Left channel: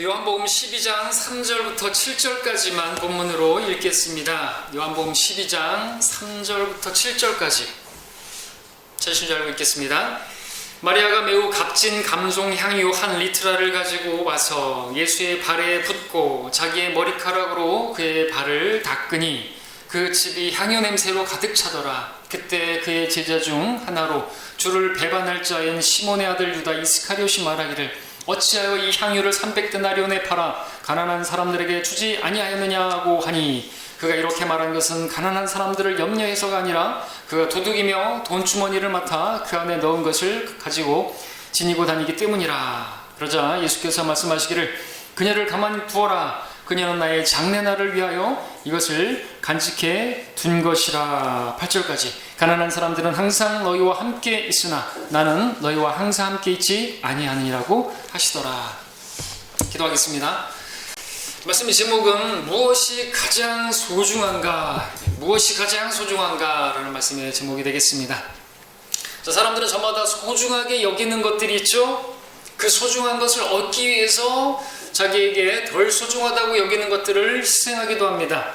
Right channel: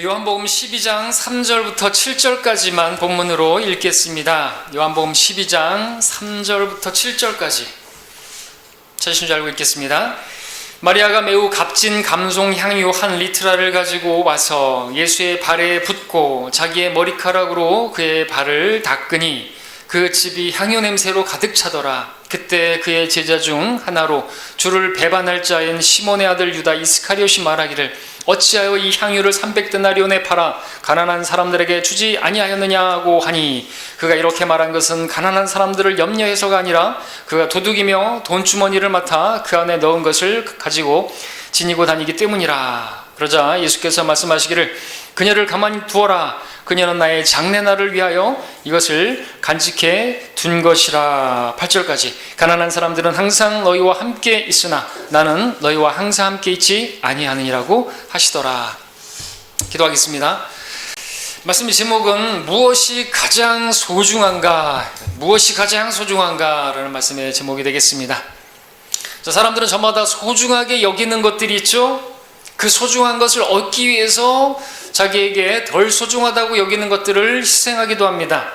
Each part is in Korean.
요한복음 12장 3절부터 7절까지만 본문으로 읽겠습니다. 요한복음 12장 3절부터 7절까지 찾으신 줄 알고 읽겠습니다. 마리아가 매우 값진 감송 향유 한 리트라를 가지고 와서 예수의 발에 붓고 자기의 머리카락으로 그의 발을 닦으니 그 집이 향유 냄새로 가득 차더라. 그때 그의 제자 중 하나로 주를 배반할 자인 시몬의 아들 유다 이스카리ot이 말하기를 어찌하여 이 향유를 300데나리온에 팔아 가난한 사람들에게 주지 아니하였느냐고 하니, 그가 이렇게 말한 것은 가난한 사람들을 염려해서가 아니라 그가 도둑이며 돈주머니를 맡아 그 안에 넣은 것을 가지고 지니고 다니기 때문이라. 그러자 예수께서 말씀하시기를 그녀를 가만히 두어라. 그녀는 나의 장례날을 위하여 이것을 간직해 둔 것이라. 8절까지. 가난한 사람들은 항상 너희와 함께 있으나 나는 너희와 항상 함께 있지 아니하느니라고 하시더라. 기도하겠습니다. 말씀의 제목은 무엇이 가장 소중한가? 무엇이 가장 소중한가? 라는 말씀의 제목이 되겠습니다. 자, 사람들은 저마다 소중하게 여기는 것들이 있죠. 그 소중한 것을 얻기 위해서 자기에게 덜 소중하다고 여기는 것들을 희생하기도 합니다.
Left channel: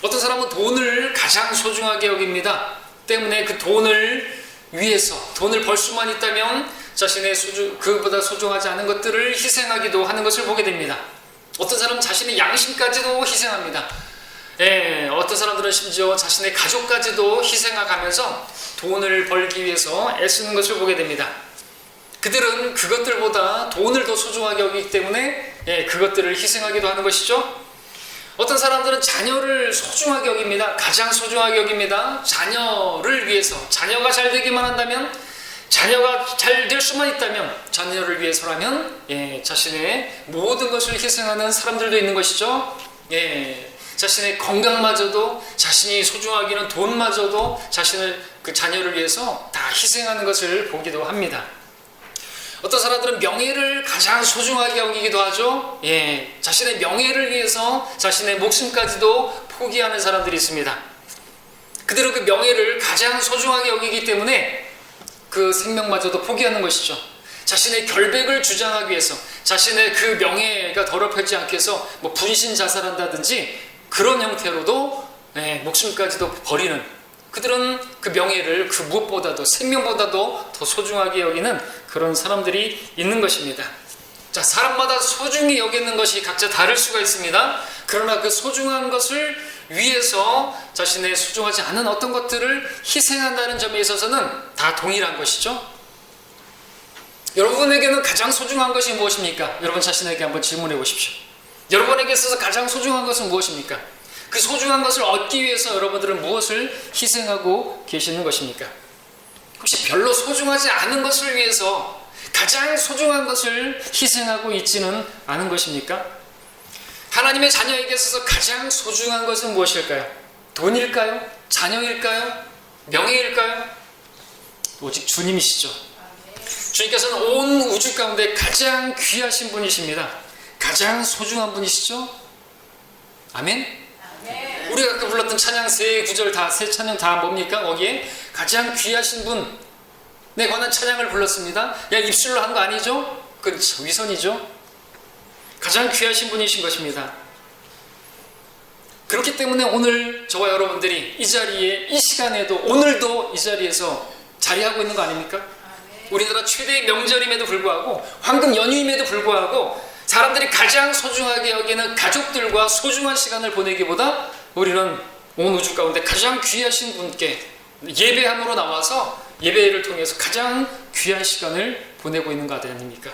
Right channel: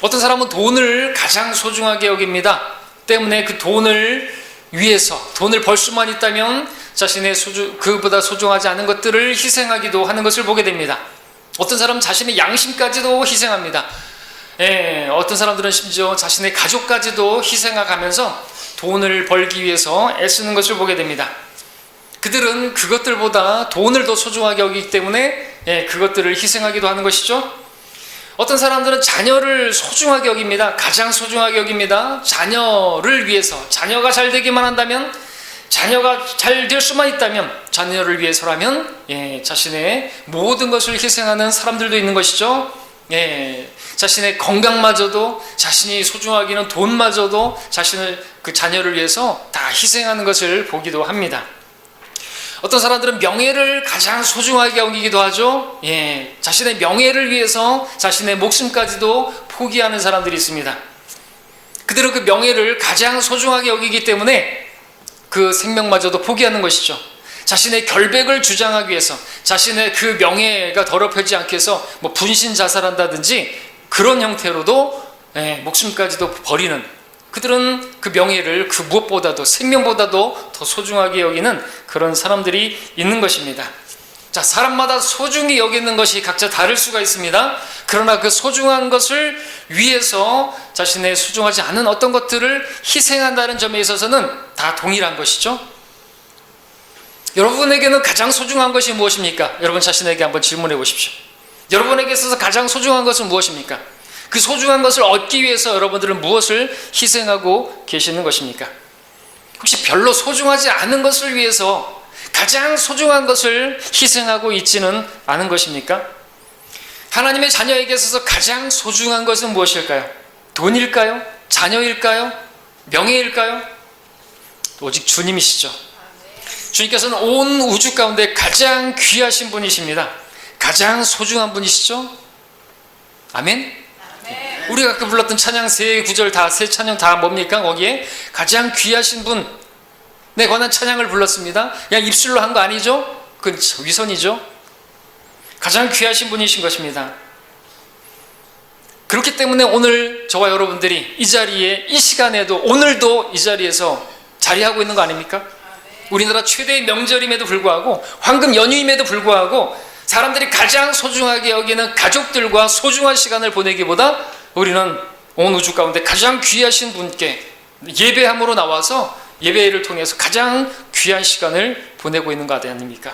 어떤 사람은 돈을 가장 소중하게 여깁니다. 때문에 그 돈을 위해서, 돈을 벌 수만 있다면 자신의 그보다 소중하지 않은 것들을 희생하기도 하는 것을 보게 됩니다. 어떤 사람은 자신의 양심까지도 희생합니다. 어떤 사람들은 심지어 자신의 가족까지도 희생하면서 돈을 벌기 위해서 애쓰는 것을 보게 됩니다. 그들은 그것들보다 돈을 더 소중하게 여기기 때문에 그것들을 희생하기도 하는 것이죠. 어떤 사람들은 자녀를 소중하게 여깁니다. 가장 소중하게 여깁니다. 자녀를 위해서, 자녀가 잘 되기만 한다면, 자녀가 잘 될 수만 있다면, 자녀를 위해서라면 자신의 모든 것을 희생하는 사람들도 있는 것이죠. 자신의 건강마저도, 자신이 소중하기는 돈마저도 자신을, 그 자녀를 위해서 다 희생하는 것을 보기도 합니다. 어떤 사람들은 명예를 가장 소중하게 여기기도 하죠. 자신의 명예를 위해서 자신의 목숨까지도 포기하는 사람들이 있습니다. 그들은 그 명예를 가장 소중하게 여기기 때문에 그 생명마저도 포기하는 것이죠. 자신의 결백을 주장하기 위해서, 자신의 그 명예가 더럽혀지지 않게 해서 분신 자살한다든지 그런 형태로도 목숨까지도 버리는, 그들은 그 명예를 그 무엇보다도, 생명보다도 더 소중하게 여기는 그런 사람들이 있는 것입니다. 자, 사람마다 소중히 여기는 것이 각자 다를 수가 있습니다. 그러나 그 소중한 것을 위해서 자신의 소중하지 않은 어떤 것들을 희생한다는 점에 있어서는 다 동일한 것이죠. 여러분에게는 가장 소중한 것이 무엇입니까? 여러분 자신에게 한번 질문해 보십시오. 여러분에게 있어서 가장 소중한 것은 무엇입니까? 그 소중한 것을 얻기 위해서 여러분들은 무엇을 희생하고 계시는 것입니까? 혹시 별로 소중하지 않은 것을 위해서 가장 소중한 것을 희생하고 있지는 않은 것입니까? 하나님의 자녀에게 있어서 가장 소중한 것은 무엇일까요? 돈일까요? 자녀일까요? 명예일까요? 오직 주님이시죠. 주님께서는 온 우주 가운데 가장 귀하신 분이십니다. 가장 소중한 분이시죠. 아멘. 우리가 아까 불렀던 찬양 세 구절 다, 세 찬양 다 뭡니까? 거기에 가장 귀하신 분에 관한 찬양을 불렀습니다. 그냥 입술로 한 거 아니죠? 그건 위선이죠. 가장 귀하신 분이신 것입니다. 그렇기 때문에 오늘 저와 여러분들이 이 자리에, 이 시간에도, 오늘도 이 자리에서 자리하고 있는 거 아닙니까? 우리나라 최대의 명절임에도 불구하고, 황금 연휴임에도 불구하고 사람들이 가장 소중하게 여기는 가족들과 소중한 시간을 보내기보다 우리는 온 우주 가운데 가장 귀하신 분께 예배함으로 나와서 예배를 통해서 가장 귀한 시간을 보내고 있는 것 아닙니까?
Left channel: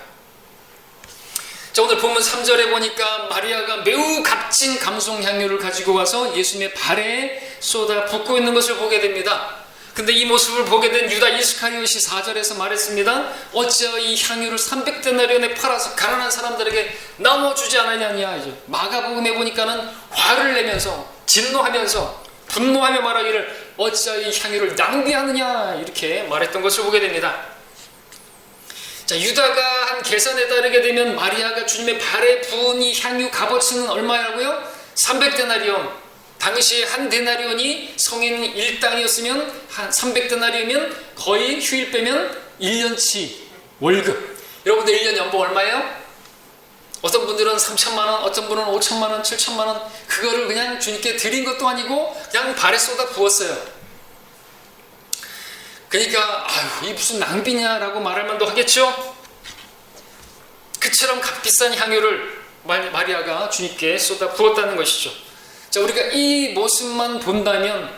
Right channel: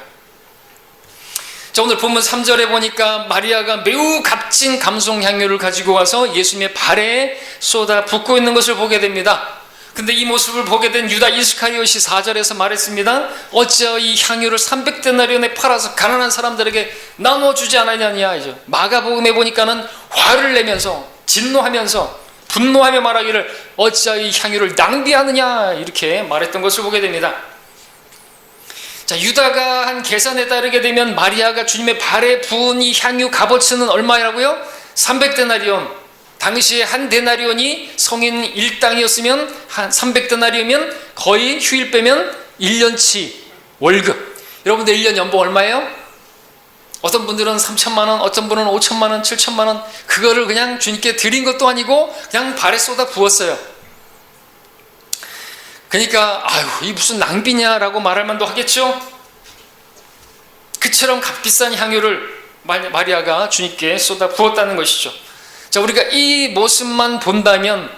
자, 오늘 본문 3절에 보니까 마리아가 매우 값진 감송 향유를 가지고 와서 예수님의 발에 쏟아 붓고 있는 것을 보게 됩니다. 근데 이 모습을 보게 된 유다 이스카리ot이 4절에서 말했습니다. 어찌하여 이 향유를 300데나리온에 팔아서 가난한 사람들에게 나눠주지 않았느냐. 마가복음에 보니까는 화를 내면서, 진노하면서, 분노하며 말하기를 어찌하여 이 향유를 낭비하느냐, 이렇게 말했던 것을 보게 됩니다. 자, 유다가 한 계산에 따르게 되면 마리아가 주님의 발에 부은 이 향유 값어치는 얼마라고요? 300데나리온. 당시에 한 데나리온이 성인 1당이었으면 한 300데나리온이면 거의 휴일 빼면 1년치 월급. 여러분들 1년 연봉 얼마예요? 어떤 분들은 3천만 원, 어떤 분은 5천만 원, 7천만 원, 그거를 그냥 주님께 드린 것도 아니고 그냥 발에 쏟아 부었어요. 그러니까 아유, 이 무슨 낭비냐라고 말할 만도 하겠죠. 그처럼 값비싼 향유를 마리아가 주님께 쏟아 부었다는 것이죠. 자, 우리가 이 모습만 본다면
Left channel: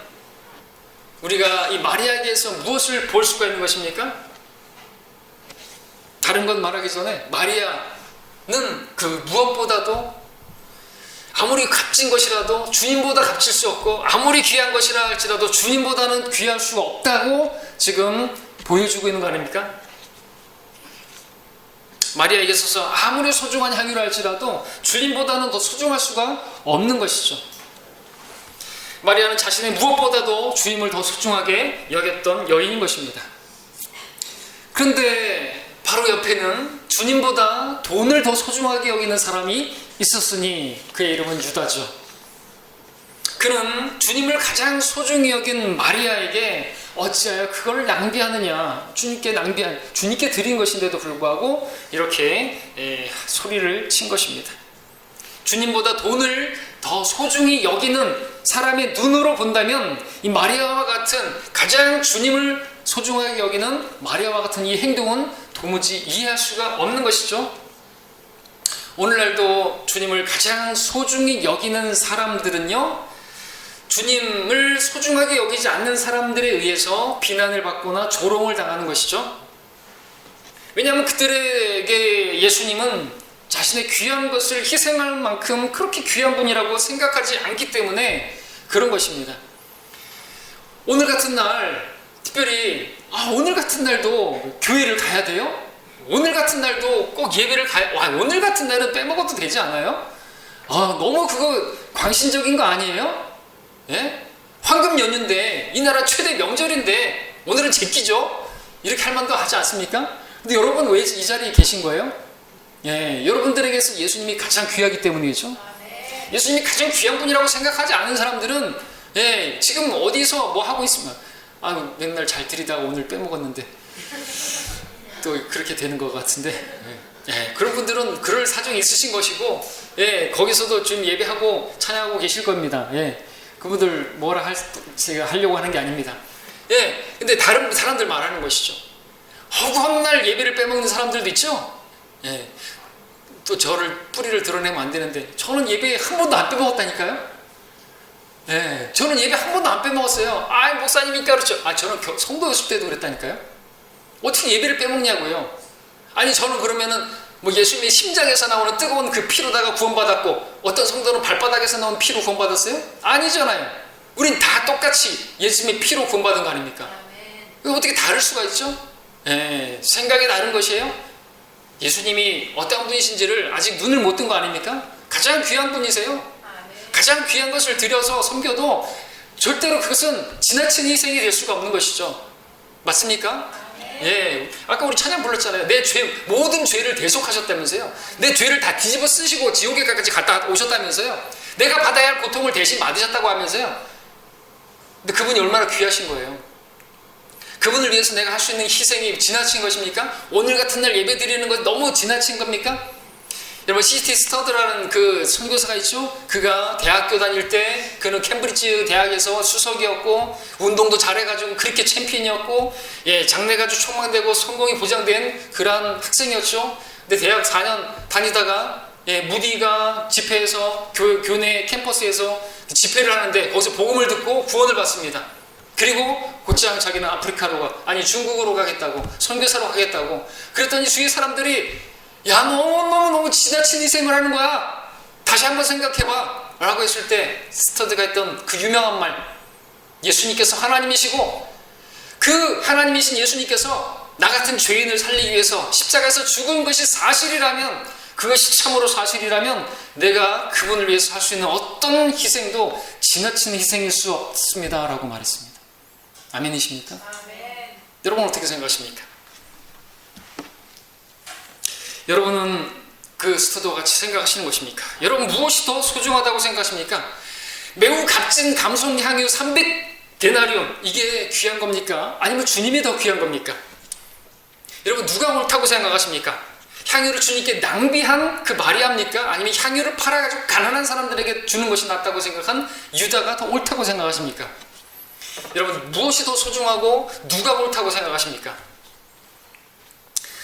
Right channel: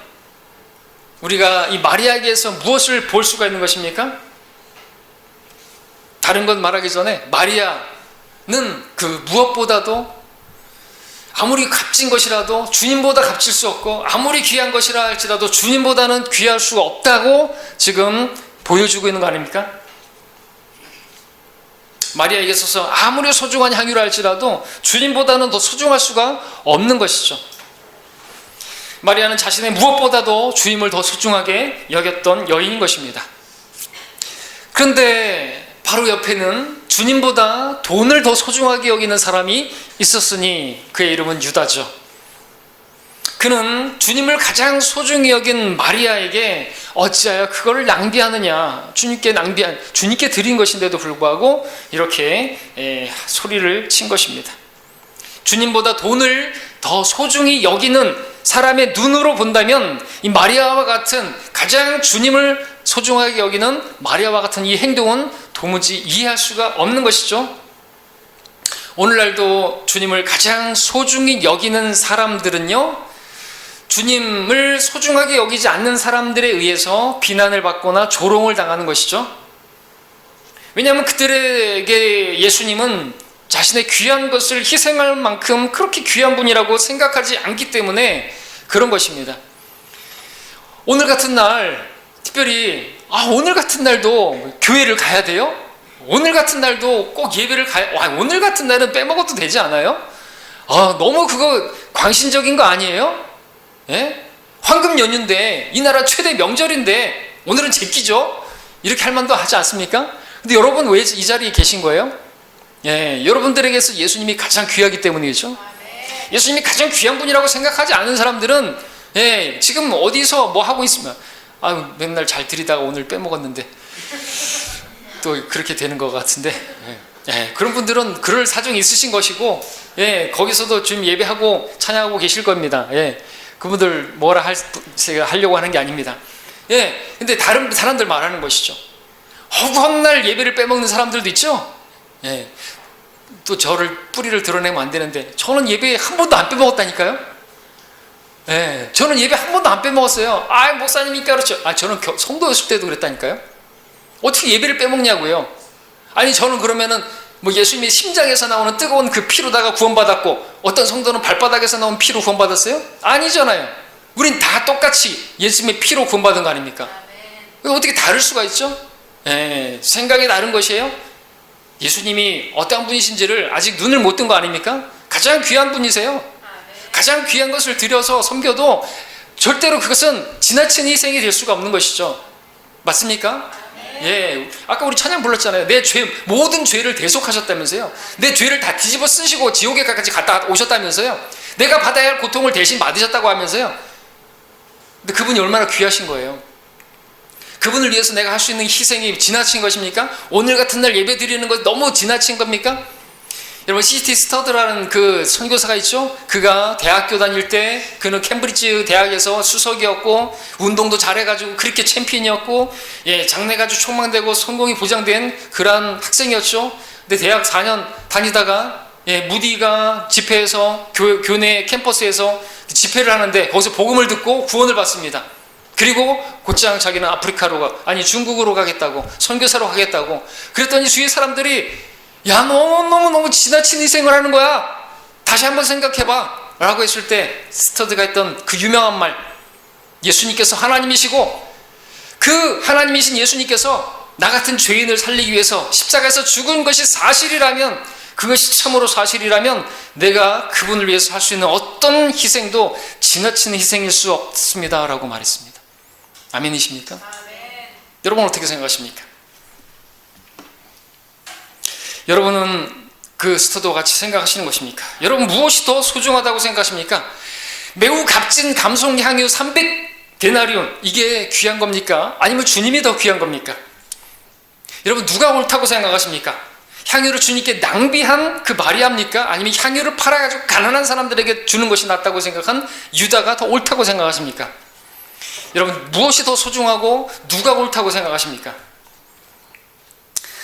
우리가 이 마리아에게서 무엇을 볼 수가 있는 것입니까? 다른 건 말하기 전에 마리아는 그 무엇보다도 아무리 값진 것이라도 주님보다 값질 수 없고 아무리 귀한 것이라 할지라도 주님보다는 귀할 수 없다고 지금 보여주고 있는 거 아닙니까? 마리아에게 있어서 아무리 소중한 향유라 할지라도 주님보다는 더 소중할 수가 없는 것이죠. 마리아는 자신의 무엇보다도 주님을 더 소중하게 여겼던 여인인 것입니다. 그런데 바로 옆에는 주님보다 돈을 더 소중하게 여기는 사람이 있었으니 그의 이름은 유다죠. 그는 주님을 가장 소중히 여긴 마리아에게 어찌하여 그거를 낭비하느냐, 주님께 드린 것인데도 불구하고 이렇게 소리를 친 것입니다. 주님보다 돈을 더 소중히 여기는 사람의 눈으로 본다면 이 마리아와 같은 가장 주님을 소중하게 여기는 마리아와 같은 이 행동은 도무지 이해할 수가 없는 것이죠. 오늘날도 주님을 가장 소중히 여기는 사람들은요, 주님을 소중하게 여기지 않는 사람들에 의해서 비난을 받거나 조롱을 당하는 것이죠. 왜냐하면 그들에게 예수님은 자신의 귀한 것을 희생할 만큼 그렇게 귀한 분이라고 생각하지 않기 때문에 그런 것입니다. 오늘 같은 날 특별히 오늘 같은 날도 교회를 가야 돼요? 오늘 같은 날도 꼭 예배를 오늘 같은 날은 빼먹어도 되지 않아요? 너무 그거 광신적인 거 아니에요? 예? 황금 연휴인데 이 나라 최대 명절인데 오늘은 제끼죠? 이렇게 할 만도 하지 않습니까? 근데 여러분 왜 이 자리에 계신 거예요? 예, 여러분들에게서 예수님이 가장 귀하기 때문이죠. 예수님이 가장 귀한 분이라고 생각하지 않은 사람들은 지금 어디서 뭐 하고 있으면 맨날 잘 드리다가 오늘 빼먹었는데 또 그렇게 되는 것 같은데 그런 분들은 그럴 사정이 있으신 것이고 거기서도 지금 예배하고 찬양하고 계실 겁니다. 그분들 뭐라 하려고 하는 게 아닙니다. 근데 다른 사람들 말하는 것이죠. 허구한 날 예배를 빼먹는 사람들도 있죠. 또 저를 뿌리를 드러내면 안 되는데 저는 예배 한 번도 안 빼먹었다니까요. 저는 예배 한 번도 안 빼먹었어요. 목사님이니까 그렇죠. 저는 성도였을 때도 그랬다니까요. 어떻게 예배를 빼먹냐고요. 저는 그러면은 뭐 예수님의 심장에서 나오는 뜨거운 그 피로다가 구원받았고 어떤 성도는 발바닥에서 나온 피로 구원받았어요? 아니잖아요. 우린 다 똑같이 예수님의 피로 구원받은 거 아닙니까? 어떻게 다를 수가 있죠? 생각이 다른 것이에요. 예수님이 어떤 분이신지를 아직 눈을 못 뜬 거 아닙니까? 가장 귀한 분이세요. 가장 귀한 것을 드려서 섬겨도 절대로 그것은 지나친 희생이 될 수가 없는 것이죠. 맞습니까? 아까 우리 찬양 불렀잖아요. 모든 죄를 대속하셨다면서요. 내 죄를 다 뒤집어 쓰시고 지옥에까지 갔다 오셨다면서요. 내가 받아야 할 고통을 대신 받으셨다고 하면서요. 근데 그분이 얼마나 귀하신 거예요. 그분을 위해서 내가 할 수 있는 희생이 지나친 것입니까? 오늘 같은 날 예배 드리는 것 너무 지나친 겁니까? 여러분, C.T. 스터드라는 그 선교사가 있죠? 그가 대학교 다닐 때 그는 캠브리지 대학에서 수석이었고 운동도 잘해가지고 그렇게 챔피언이었고 장래가 아주 촉망되고 성공이 보장된 그러한 학생이었죠. 근데 대학 4년 다니다가 무디가 집회에서 교내 캠퍼스에서 집회를 하는데 거기서 복음을 듣고 구원을 받습니다. 그리고 곧장 자기는 중국으로 가겠다고, 선교사로 가겠다고. 그랬더니 주위의 사람들이 너무 지나친 희생을 하는 거야. 다시 한번 생각해봐 라고 했을 때 스터드가 했던 그 유명한 말, 예수님께서 하나님이시고 그 하나님이신 예수님께서 나 같은 죄인을 살리기 위해서 십자가에서 죽은 것이 사실이라면, 그것이 참으로 사실이라면 내가 그분을 위해서 할 수 있는 어떤 희생도 지나친 희생일 수 없습니다 라고 말했습니다. 아멘이십니까? 아멘. 여러분 어떻게 생각하십니까? 여러분은 그 스터드와 같이 생각하시는 것입니까? 여러분 무엇이 더 소중하다고 생각하십니까? 매우 값진 감송향유 300데나리온, 이게 귀한 겁니까? 아니면 주님이 더 귀한 겁니까? 여러분 누가 옳다고 생각하십니까? 향유를 주님께 낭비한 그 마리아입니까? 아니면 향유를 팔아가지고 가난한 사람들에게 주는 것이 낫다고 생각한 유다가 더 옳다고 생각하십니까? 여러분, 무엇이 더 소중하고 누가 옳다고 생각하십니까?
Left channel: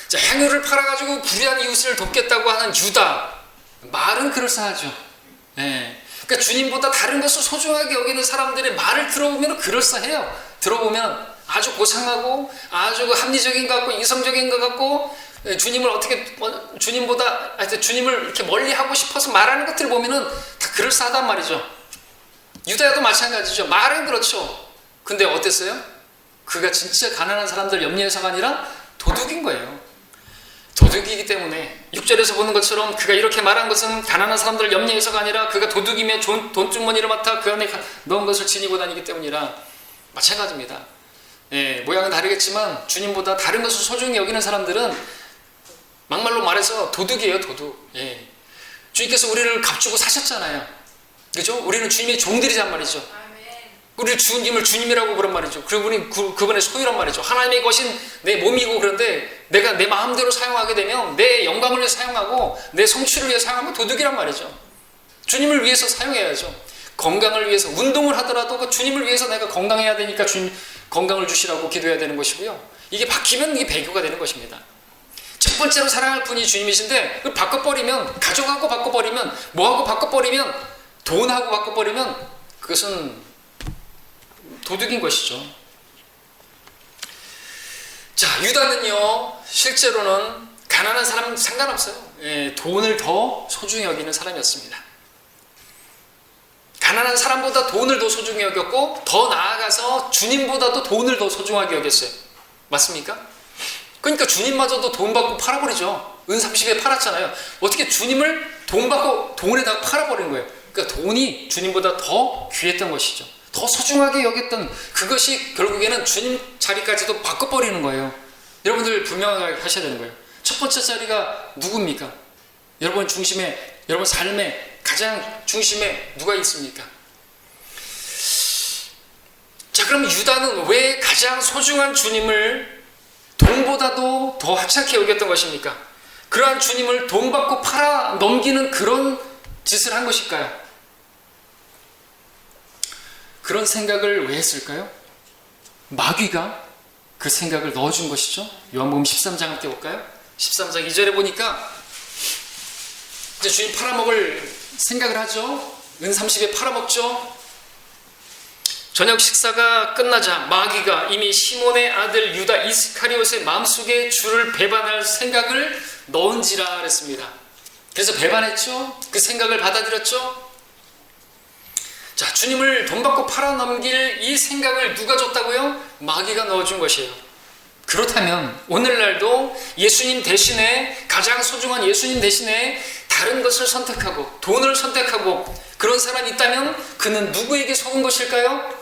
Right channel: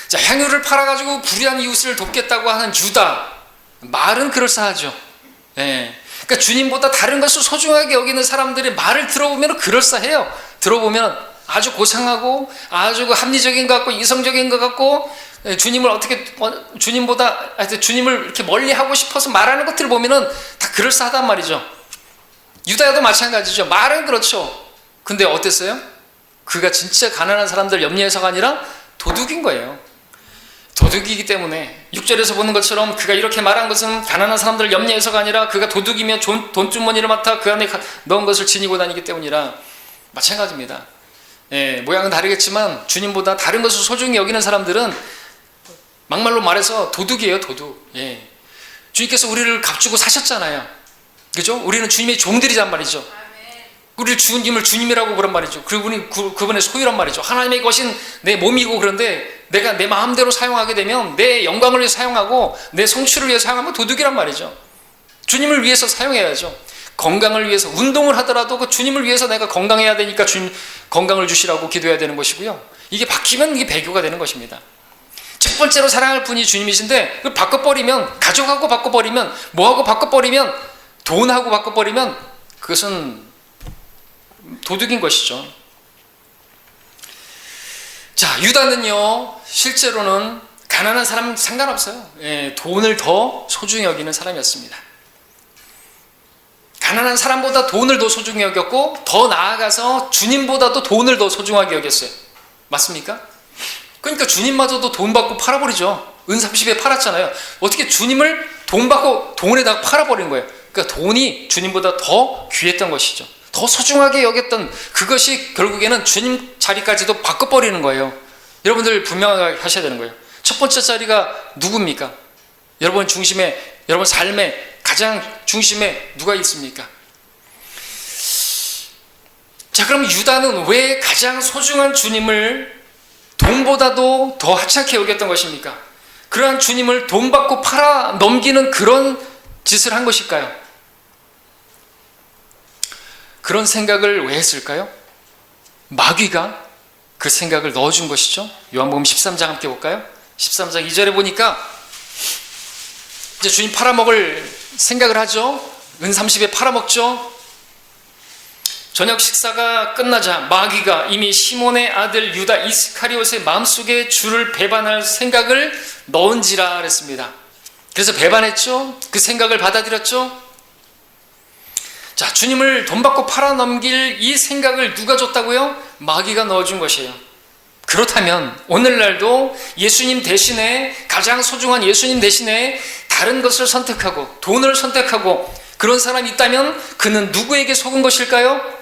자, 향유를 팔아가지고 불의한 이웃을 돕겠다고 하는 유다, 말은 그럴싸하죠. 예. 그러니까 주님보다 다른 것을 소중하게 여기는 사람들의 말을 들어보면 그럴싸해요. 들어보면 아주 고상하고 아주 합리적인 것 같고 이성적인 것 같고, 주님을 어떻게, 주님보다, 하여튼 주님을 이렇게 멀리 하고 싶어서 말하는 것들을 보면은 다 그럴싸하단 말이죠. 유다야도 마찬가지죠. 말은 그렇죠. 근데 어땠어요? 그가 진짜 가난한 사람들 염려해서가 아니라 도둑인 거예요. 도둑이기 때문에 6절에서 보는 것처럼 그가 이렇게 말한 것은 가난한 사람들을 염려해서가 아니라 그가 도둑이며 돈주머니를 맡아 그 안에 넣은 것을 지니고 다니기 때문이라 마찬가지입니다. 예, 모양은 다르겠지만 주님보다 다른 것을 소중히 여기는 사람들은 막말로 말해서 도둑이에요, 도둑. 예. 주님께서 우리를 값주고 사셨잖아요. 그죠? 우리는 주님의 종들이란 말이죠. 우리를 주님을 주님이라고 그런 말이죠. 그리고 우리는 그분의 소유란 말이죠. 하나님의 것인 내 몸이고, 그런데 내가 내 마음대로 사용하게 되면 내 영광을 위해 사용하고 내 성취를 위해 사용하면 도둑이란 말이죠. 주님을 위해서 사용해야죠. 건강을 위해서 운동을 하더라도 그 주님을 위해서 내가 건강해야 되니까 주님 건강을 주시라고 기도해야 되는 것이고요. 이게 바뀌면 이게 배교가 되는 것입니다. 첫 번째로 사랑할 분이 주님이신데 그 바꿔버리면, 가족하고 바꿔버리면, 뭐하고 바꿔버리면, 돈하고 바꿔버리면 그것은 도둑인 것이죠. 자, 유다는요, 실제로는 가난한 사람 상관없어요. 예, 돈을 더 소중히 여기는 사람이었습니다. 가난한 사람보다 돈을 더 소중히 여겼고, 더 나아가서 주님보다도 돈을 더 소중하게 여겼어요. 맞습니까? 그러니까 주님마저도 돈 받고 팔아버리죠. 은 30에 팔았잖아요. 어떻게 주님을 돈 받고 돈에다가 팔아버린 거예요. 그러니까 돈이 주님보다 더 귀했던 것이죠. 더 소중하게 여겼던 그것이 결국에는 주님 자리까지도 바꿔버리는 거예요. 여러분들 분명하게 하셔야 되는 거예요. 첫 번째 자리가 누굽니까? 여러분 중심에, 여러분 삶의 가장 중심에 누가 있습니까? 자, 그럼 유다는 왜 가장 소중한 주님을 돈보다도 더 하찮게 여겼던 것입니까? 그러한 주님을 돈 받고 팔아 넘기는 그런 짓을 한 것일까요? 그런 생각을 왜 했을까요? 마귀가 그 생각을 넣어준 것이죠. 요한복음 13장 함께 볼까요? 13장 2절에 보니까 이제 주님 팔아먹을 생각을 하죠. 은 30에 팔아먹죠. 저녁 식사가 끝나자 마귀가 이미 시몬의 아들 유다 이스카리옷의 마음속에 주를 배반할 생각을 넣은지라 그랬습니다. 그래서 배반했죠. 그 생각을 받아들였죠. 자, 주님을 돈 받고 팔아넘길 이 생각을 누가 줬다고요? 마귀가 넣어준 것이에요. 그렇다면 오늘날도 예수님 대신에, 가장 소중한 예수님 대신에 다른 것을 선택하고 돈을 선택하고 그런 사람이 있다면 그는 누구에게 속은 것일까요?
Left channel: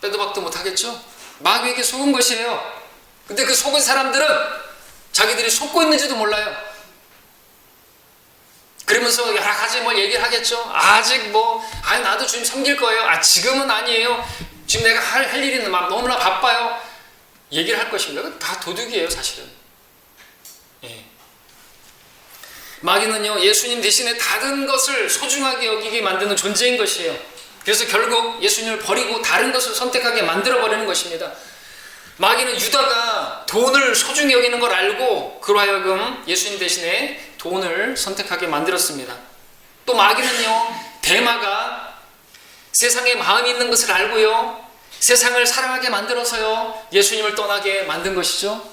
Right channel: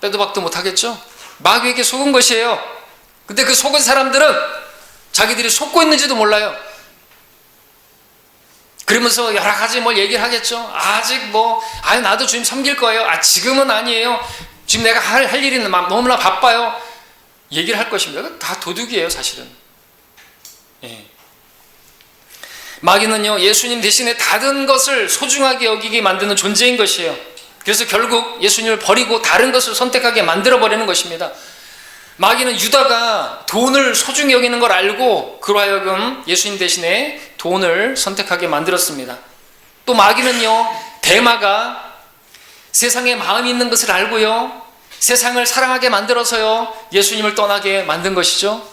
빼도 박도 못하겠죠? 마귀에게 속은 것이에요. 근데 그 속은 사람들은 자기들이 속고 있는지도 몰라요. 그러면서 여러 가지 뭐 얘기를 하겠죠. 아직 나도 주님 섬길 거예요. 지금은 아니에요. 지금 내가 할 일이 너무나 바빠요. 얘기를 할 것입니다. 다 도둑이에요, 사실은. 예. 마귀는요, 예수님 대신에 다른 것을 소중하게 여기게 만드는 존재인 것이에요. 그래서 결국 예수님을 버리고 다른 것을 선택하게 만들어버리는 것입니다. 마귀는 유다가 돈을 소중히 여기는 걸 알고 그로 하여금 예수님 대신에 돈을 선택하게 만들었습니다. 또 마귀는요, 데마가 세상에 마음이 있는 것을 알고요, 세상을 사랑하게 만들어서요, 예수님을 떠나게 만든 것이죠.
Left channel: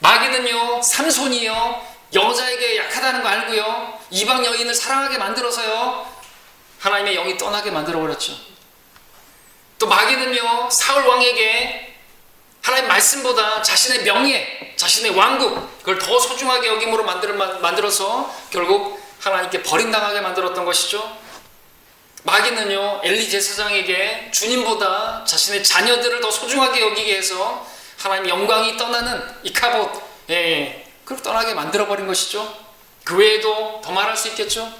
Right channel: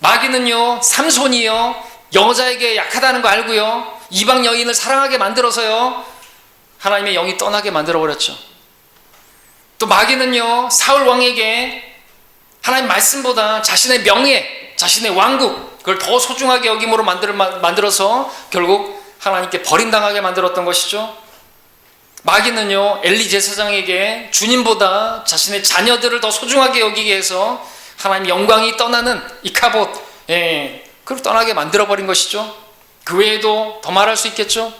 마귀는요, 삼손이요, 여자에게 약하다는 거 알고요, 이방 여인을 사랑하게 만들어서요, 하나님의 영이 떠나게 만들어버렸죠. 또 마귀는요, 사울 왕에게 하나님 말씀보다 자신의 명예, 자신의 왕국, 그걸 더 소중하게 여김으로 만들어서 결국 하나님께 버림당하게 만들었던 것이죠. 마귀는요, 엘리 제사장에게 주님보다 자신의 자녀들을 더 소중하게 여기게 해서 하나님 영광이 떠나는 이카봇, 그걸 떠나게 만들어버린 것이죠. 그 외에도 더 말할 수 있겠죠.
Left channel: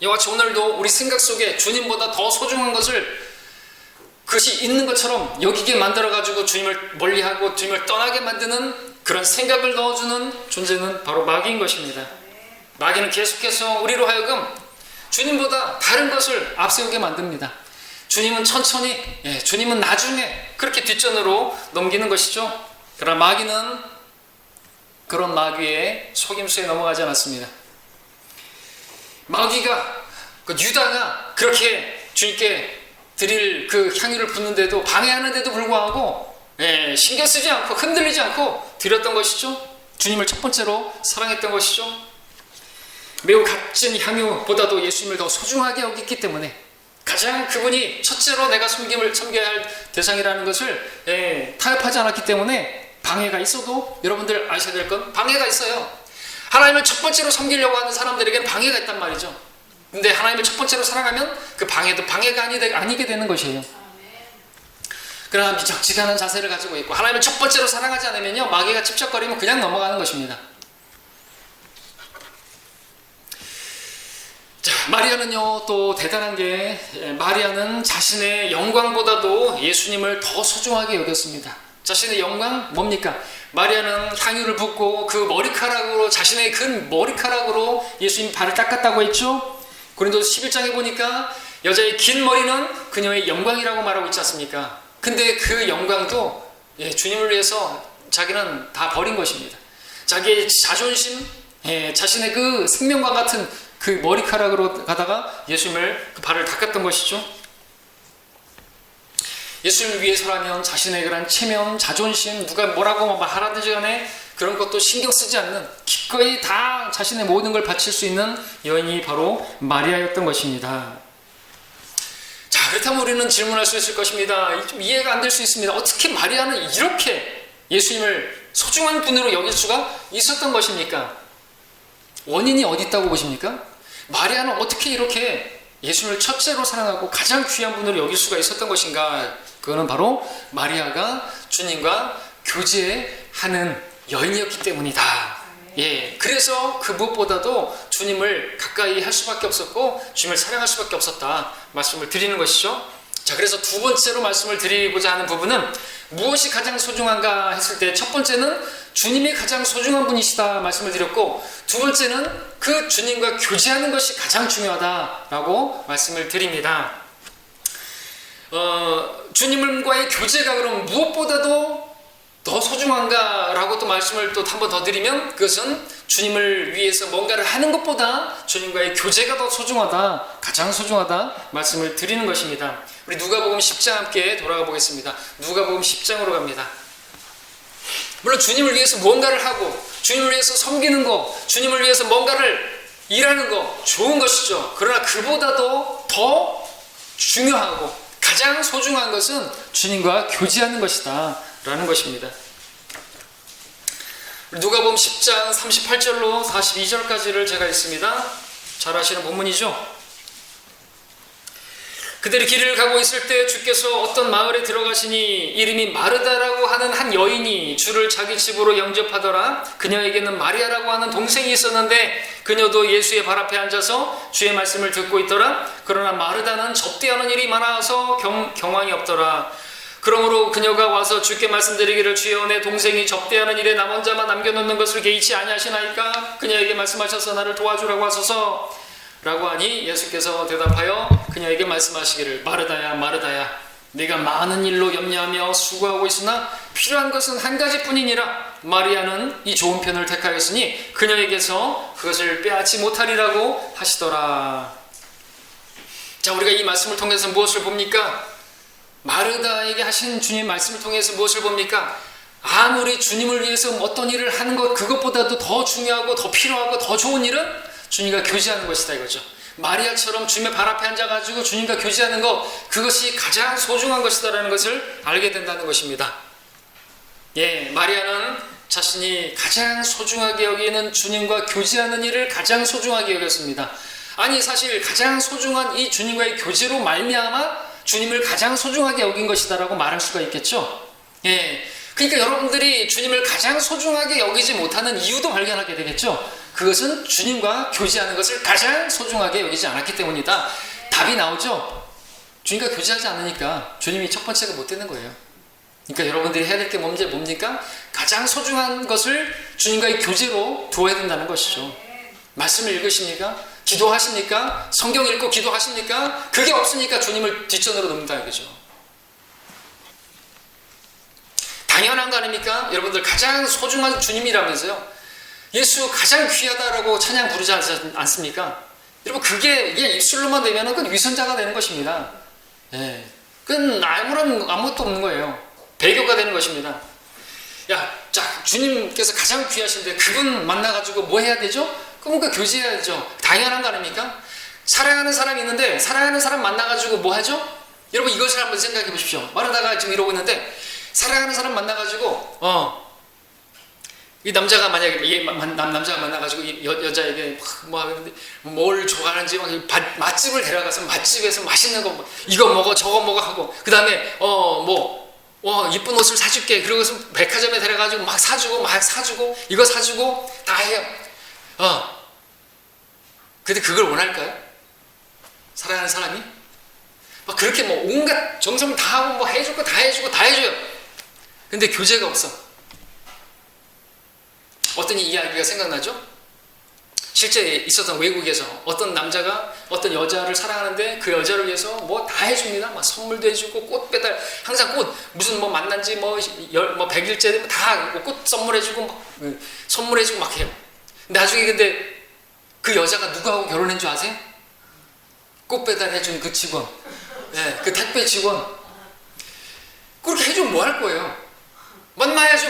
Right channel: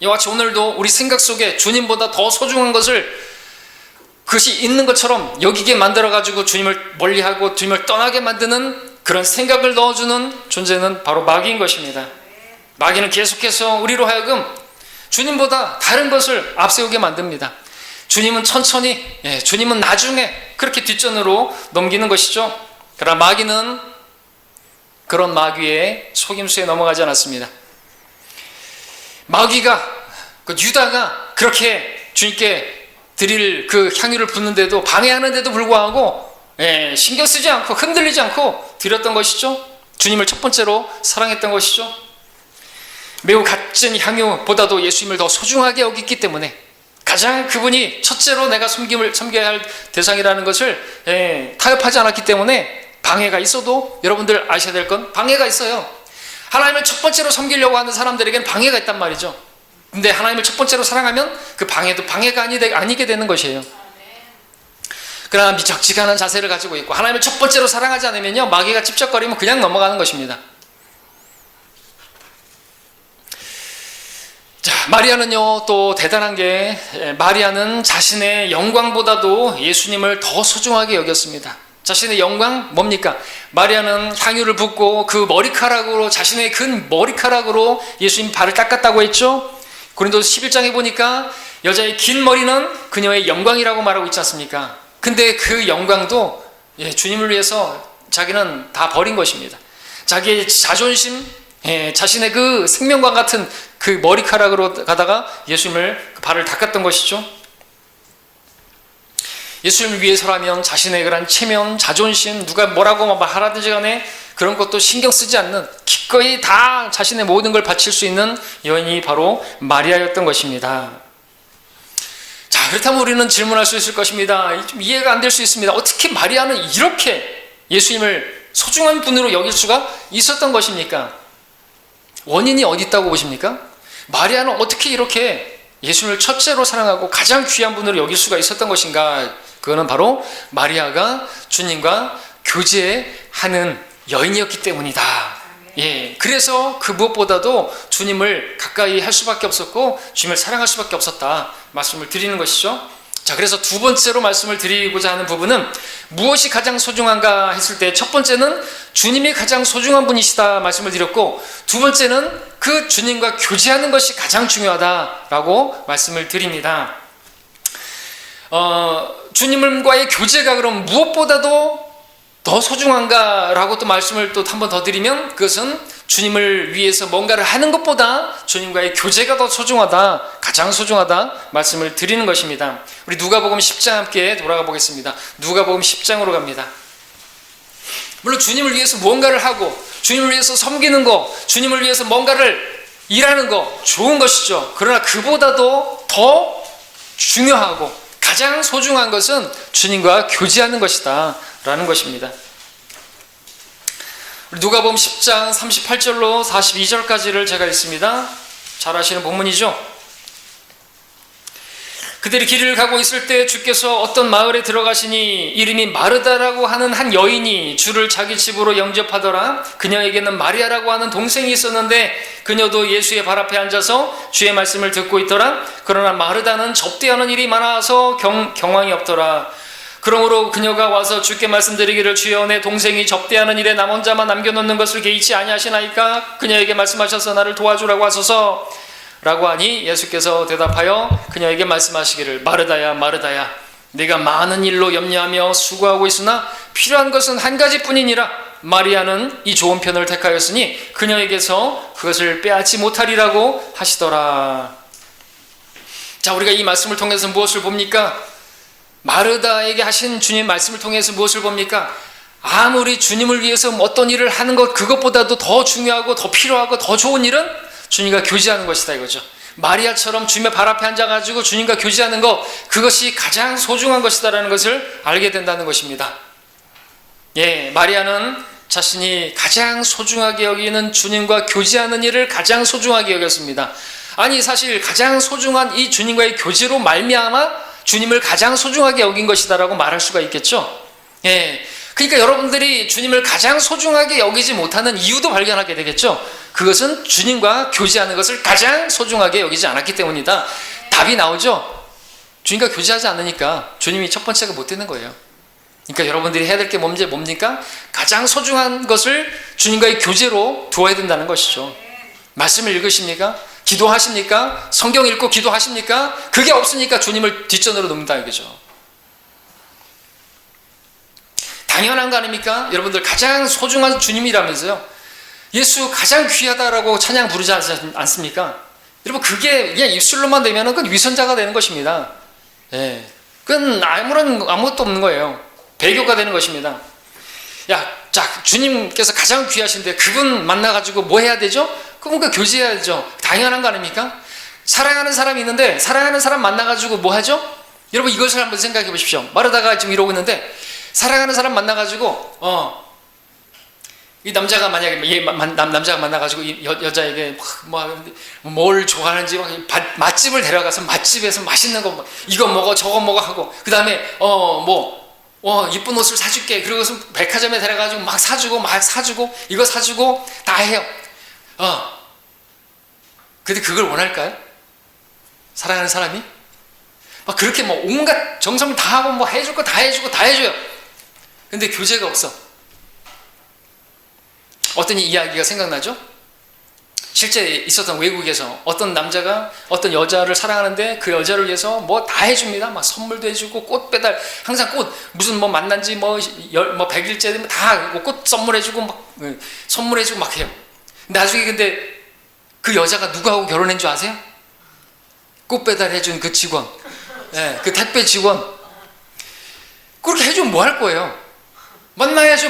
이와 같이 오늘도 우리 생각 속에 주님보다 더 소중한 것을 그것이 있는 것처럼 여기게 만들어가지고 주님을 멀리하고 주님을 떠나게 만드는 그런 생각을 넣어주는 존재는 바로 마귀인 것입니다. 마귀는 계속해서 우리로 하여금 주님보다 다른 것을 앞세우게 만듭니다. 주님은 천천히, 주님은 나중에, 그렇게 뒷전으로 넘기는 것이죠. 그러나 마귀는 그런 마귀의 속임수에 넘어가지 않았습니다. 마귀가, 유다가 그렇게 주님께 드릴 그 향유를 붓는데도, 방해하는데도 불구하고 신경 쓰지 않고 흔들리지 않고 드렸던 것이죠. 주님을 첫 번째로 사랑했던 것이죠. 매우 값진 향유보다도 예수님을 더 소중하게 여겼기 때문에, 가장 그분이 첫째로 내가 섬겨야 할 대상이라는 것을 타협하지 않았기 때문에 방해가 있어도, 여러분들 아셔야 될 건 방해가 있어요. 하나님을 첫 번째로 섬기려고 하는 사람들에게는 방해가 있단 말이죠. 근데 하나님을 첫 번째로 사랑하면 그 방해도 방해가 아니게 되는 것이에요. 그러나 미적지근한 자세를 가지고 있고 하나님을 첫 번째로 사랑하지 않으면요, 마귀가 찝쩍거리면 그냥 넘어가는 것입니다. 자, 마리아는요 또 대단한 게, 마리아는 자신의 영광보다도 예수님을 더 소중하게 여겼습니다. 자신의 영광 뭡니까? 마리아는 향유를 붓고 그 머리카락으로, 자신의 근 머리카락으로 예수님 발을 닦았다고 했죠. 고린도서 11장에 보니까 여자의 긴 머리는 그녀의 영광이라고 말하고 있지 않습니까? 근데 그 영광도 주님을 위해서 자기는 다 버린 것입니다. 자기의 자존심, 자신의 그 생명과 같은 그 머리카락으로 가다가 예수님을 그 발을 닦았던 것이죠. 예수님을 위해서라면 자신의 그런 체면, 자존심, 누가 뭐라고 말하든지 간에 그런 것도 신경 쓰지 않는, 기꺼이 다 자신의 모든 걸 바칠 수 있는 여인이 바로 마리아였던 것입니다. 자, 그렇다면 우리는 질문할 수 있을 것입니다. 좀 이해가 안 될 수 있습니다. 어떻게 마리아는 이렇게 예수님을 소중한 분으로 여길 수가 있었던 것입니까? 원인이 어디 있다고 보십니까? 마리아는 어떻게 이렇게 예수님을 첫째로 사랑하고 가장 귀한 분으로 여길 수가 있었던 것인가? 그거는 바로 마리아가 주님과 교제하는 여인이었기 때문이다. 그래서 그 무엇보다도 주님을 가까이 할 수밖에 없었고 주님을 사랑할 수밖에 없었다 말씀을 드리는 것이죠. 자, 그래서 두 번째로 말씀을 드리고자 하는 부분은 무엇이 가장 소중한가 했을 때, 첫 번째는 주님이 가장 소중한 분이시다 말씀을 드렸고, 두 번째는 그 주님과 교제하는 것이 가장 중요하다라고 말씀을 드립니다. 주님과의 교제가 그럼 무엇보다도 더 소중한가라고 또 말씀을 또 한 번 더 드리면, 그것은 주님을 위해서 뭔가를 하는 것보다 주님과의 교제가 더 소중하다, 가장 소중하다 말씀을 드리는 것입니다. 우리 누가복음 10장 함께 돌아가 보겠습니다. 누가복음 10장으로 갑니다. 물론 주님을 위해서 무언가를 하고 주님을 위해서 섬기는 거, 주님을 위해서 뭔가를 일하는 거 좋은 것이죠. 그러나 그보다도 더 중요하고 가장 소중한 것은 주님과 교제하는 것이다 라는 것입니다. 누가복음 10장 38절로 42절까지를 제가 읽습니다. 잘 아시는 본문이죠. 그들이 길을 가고 있을 때 주께서 어떤 마을에 들어가시니 이름이 마르다라고 하는 한 여인이 주를 자기 집으로 영접하더라. 그녀에게는 마리아라고 하는 동생이 있었는데 그녀도 예수의 발 앞에 앉아서 주의 말씀을 듣고 있더라. 그러나 마르다는 접대하는 일이 많아서 경황이 없더라. 그러므로 그녀가 와서 주께 말씀드리기를, 주여 내 동생이 접대하는 일에 나 혼자만 남겨놓는 것을 개의치 아니하시나이까? 그녀에게 말씀하셔서 나를 도와주라고 하소서 라고 하니 예수께서 대답하여 그녀에게 말씀하시기를, 마르다야 마르다야, 네가 많은 일로 염려하며 수고하고 있으나 필요한 것은 한 가지뿐이니라. 마리아는 이 좋은 편을 택하였으니 그녀에게서 그것을 빼앗지 못하리라고 하시더라. 자, 우리가 이 말씀을 통해서 무엇을 봅니까? 마르다에게 하신 주님의 말씀을 통해서 무엇을 봅니까? 아무리 주님을 위해서 어떤 일을 하는 것, 그것보다도 더 중요하고 더 필요하고 더 좋은 일은 주님과 교제하는 것이다 이거죠. 마리아처럼 주님의 발 앞에 앉아가지고 주님과 교제하는 것, 그것이 가장 소중한 것이다라는 것을 알게 된다는 것입니다. 마리아는 자신이 가장 소중하게 여기는 주님과 교제하는 일을 가장 소중하게 여겼습니다. 아니, 사실 가장 소중한 이 주님과의 교제로 말미암아 주님을 가장 소중하게 여긴 것이다라고 말할 수가 있겠죠. 그러니까 여러분들이 주님을 가장 소중하게 여기지 못하는 이유도 발견하게 되겠죠. 그것은 주님과 교제하는 것을 가장 소중하게 여기지 않았기 때문이다. 답이 나오죠. 주님과 교제하지 않으니까 주님이 첫 번째가 못 되는 거예요. 그러니까 여러분들이 해야 될 게 뭡니까? 가장 소중한 것을 주님과의 교제로 두어야 된다는 것이죠. 말씀을 읽으십니까? 기도하십니까? 성경 읽고 기도하십니까? 그게 없으니까 주님을 뒷전으로 놓는다 이거죠. 당연한 거 아닙니까? 여러분들 가장 소중한 주님이라면서요. 예수 가장 귀하다라고 찬양 부르지 않습니까? 여러분 그게 그냥 입술로만 되면 그건 위선자가 되는 것입니다. 예, 그건 아무것도 없는 거예요. 배교가 되는 것입니다. 자, 주님께서 가장 귀하신데 그분 만나가지고 뭐 해야 되죠? 그분과 교제해야죠. 당연한 거 아닙니까? 사랑하는 사람이 있는데 사랑하는 사람 만나가지고 뭐 하죠? 여러분 이것을 한번 생각해 보십시오. 마르다가 지금 이러고 있는데 사랑하는 사람 만나가지고 이 남자가 만약에 남자가 만나가지고 이 여자에게 뭘 좋아하는지 맛집을 데려가서 맛집에서 맛있는 거 이거 먹어 저거 먹어 하고 그 다음에 이쁜 옷을 사줄게 그러고서 백화점에 데려가지고 막 사주고 이거 사주고 다 해요. 근데 그걸 원할까요? 사랑하는 사람이 막 그렇게 온갖 정성 다 하고 해줄 거 다 해주고 다 해줘요. 근데 교제가 없어. 어떤 이야기가 생각나죠? 실제 있었던 외국에서 어떤 남자가 어떤 여자를 사랑하는데 그 여자를 위해서 뭐 다 해줍니다. 막 선물도 해주고 꽃 배달 항상 꽃 무슨 만난 지 100일째 되면 다 꽃 선물해주고 선물해주고 막 해요. 나중에 근데 그 여자가 누구하고 결혼한 줄 아세요? 꽃 배달해준 그 직원, 그 택배 직원. 그렇게 해주면 뭐 할 거예요? 만나야지.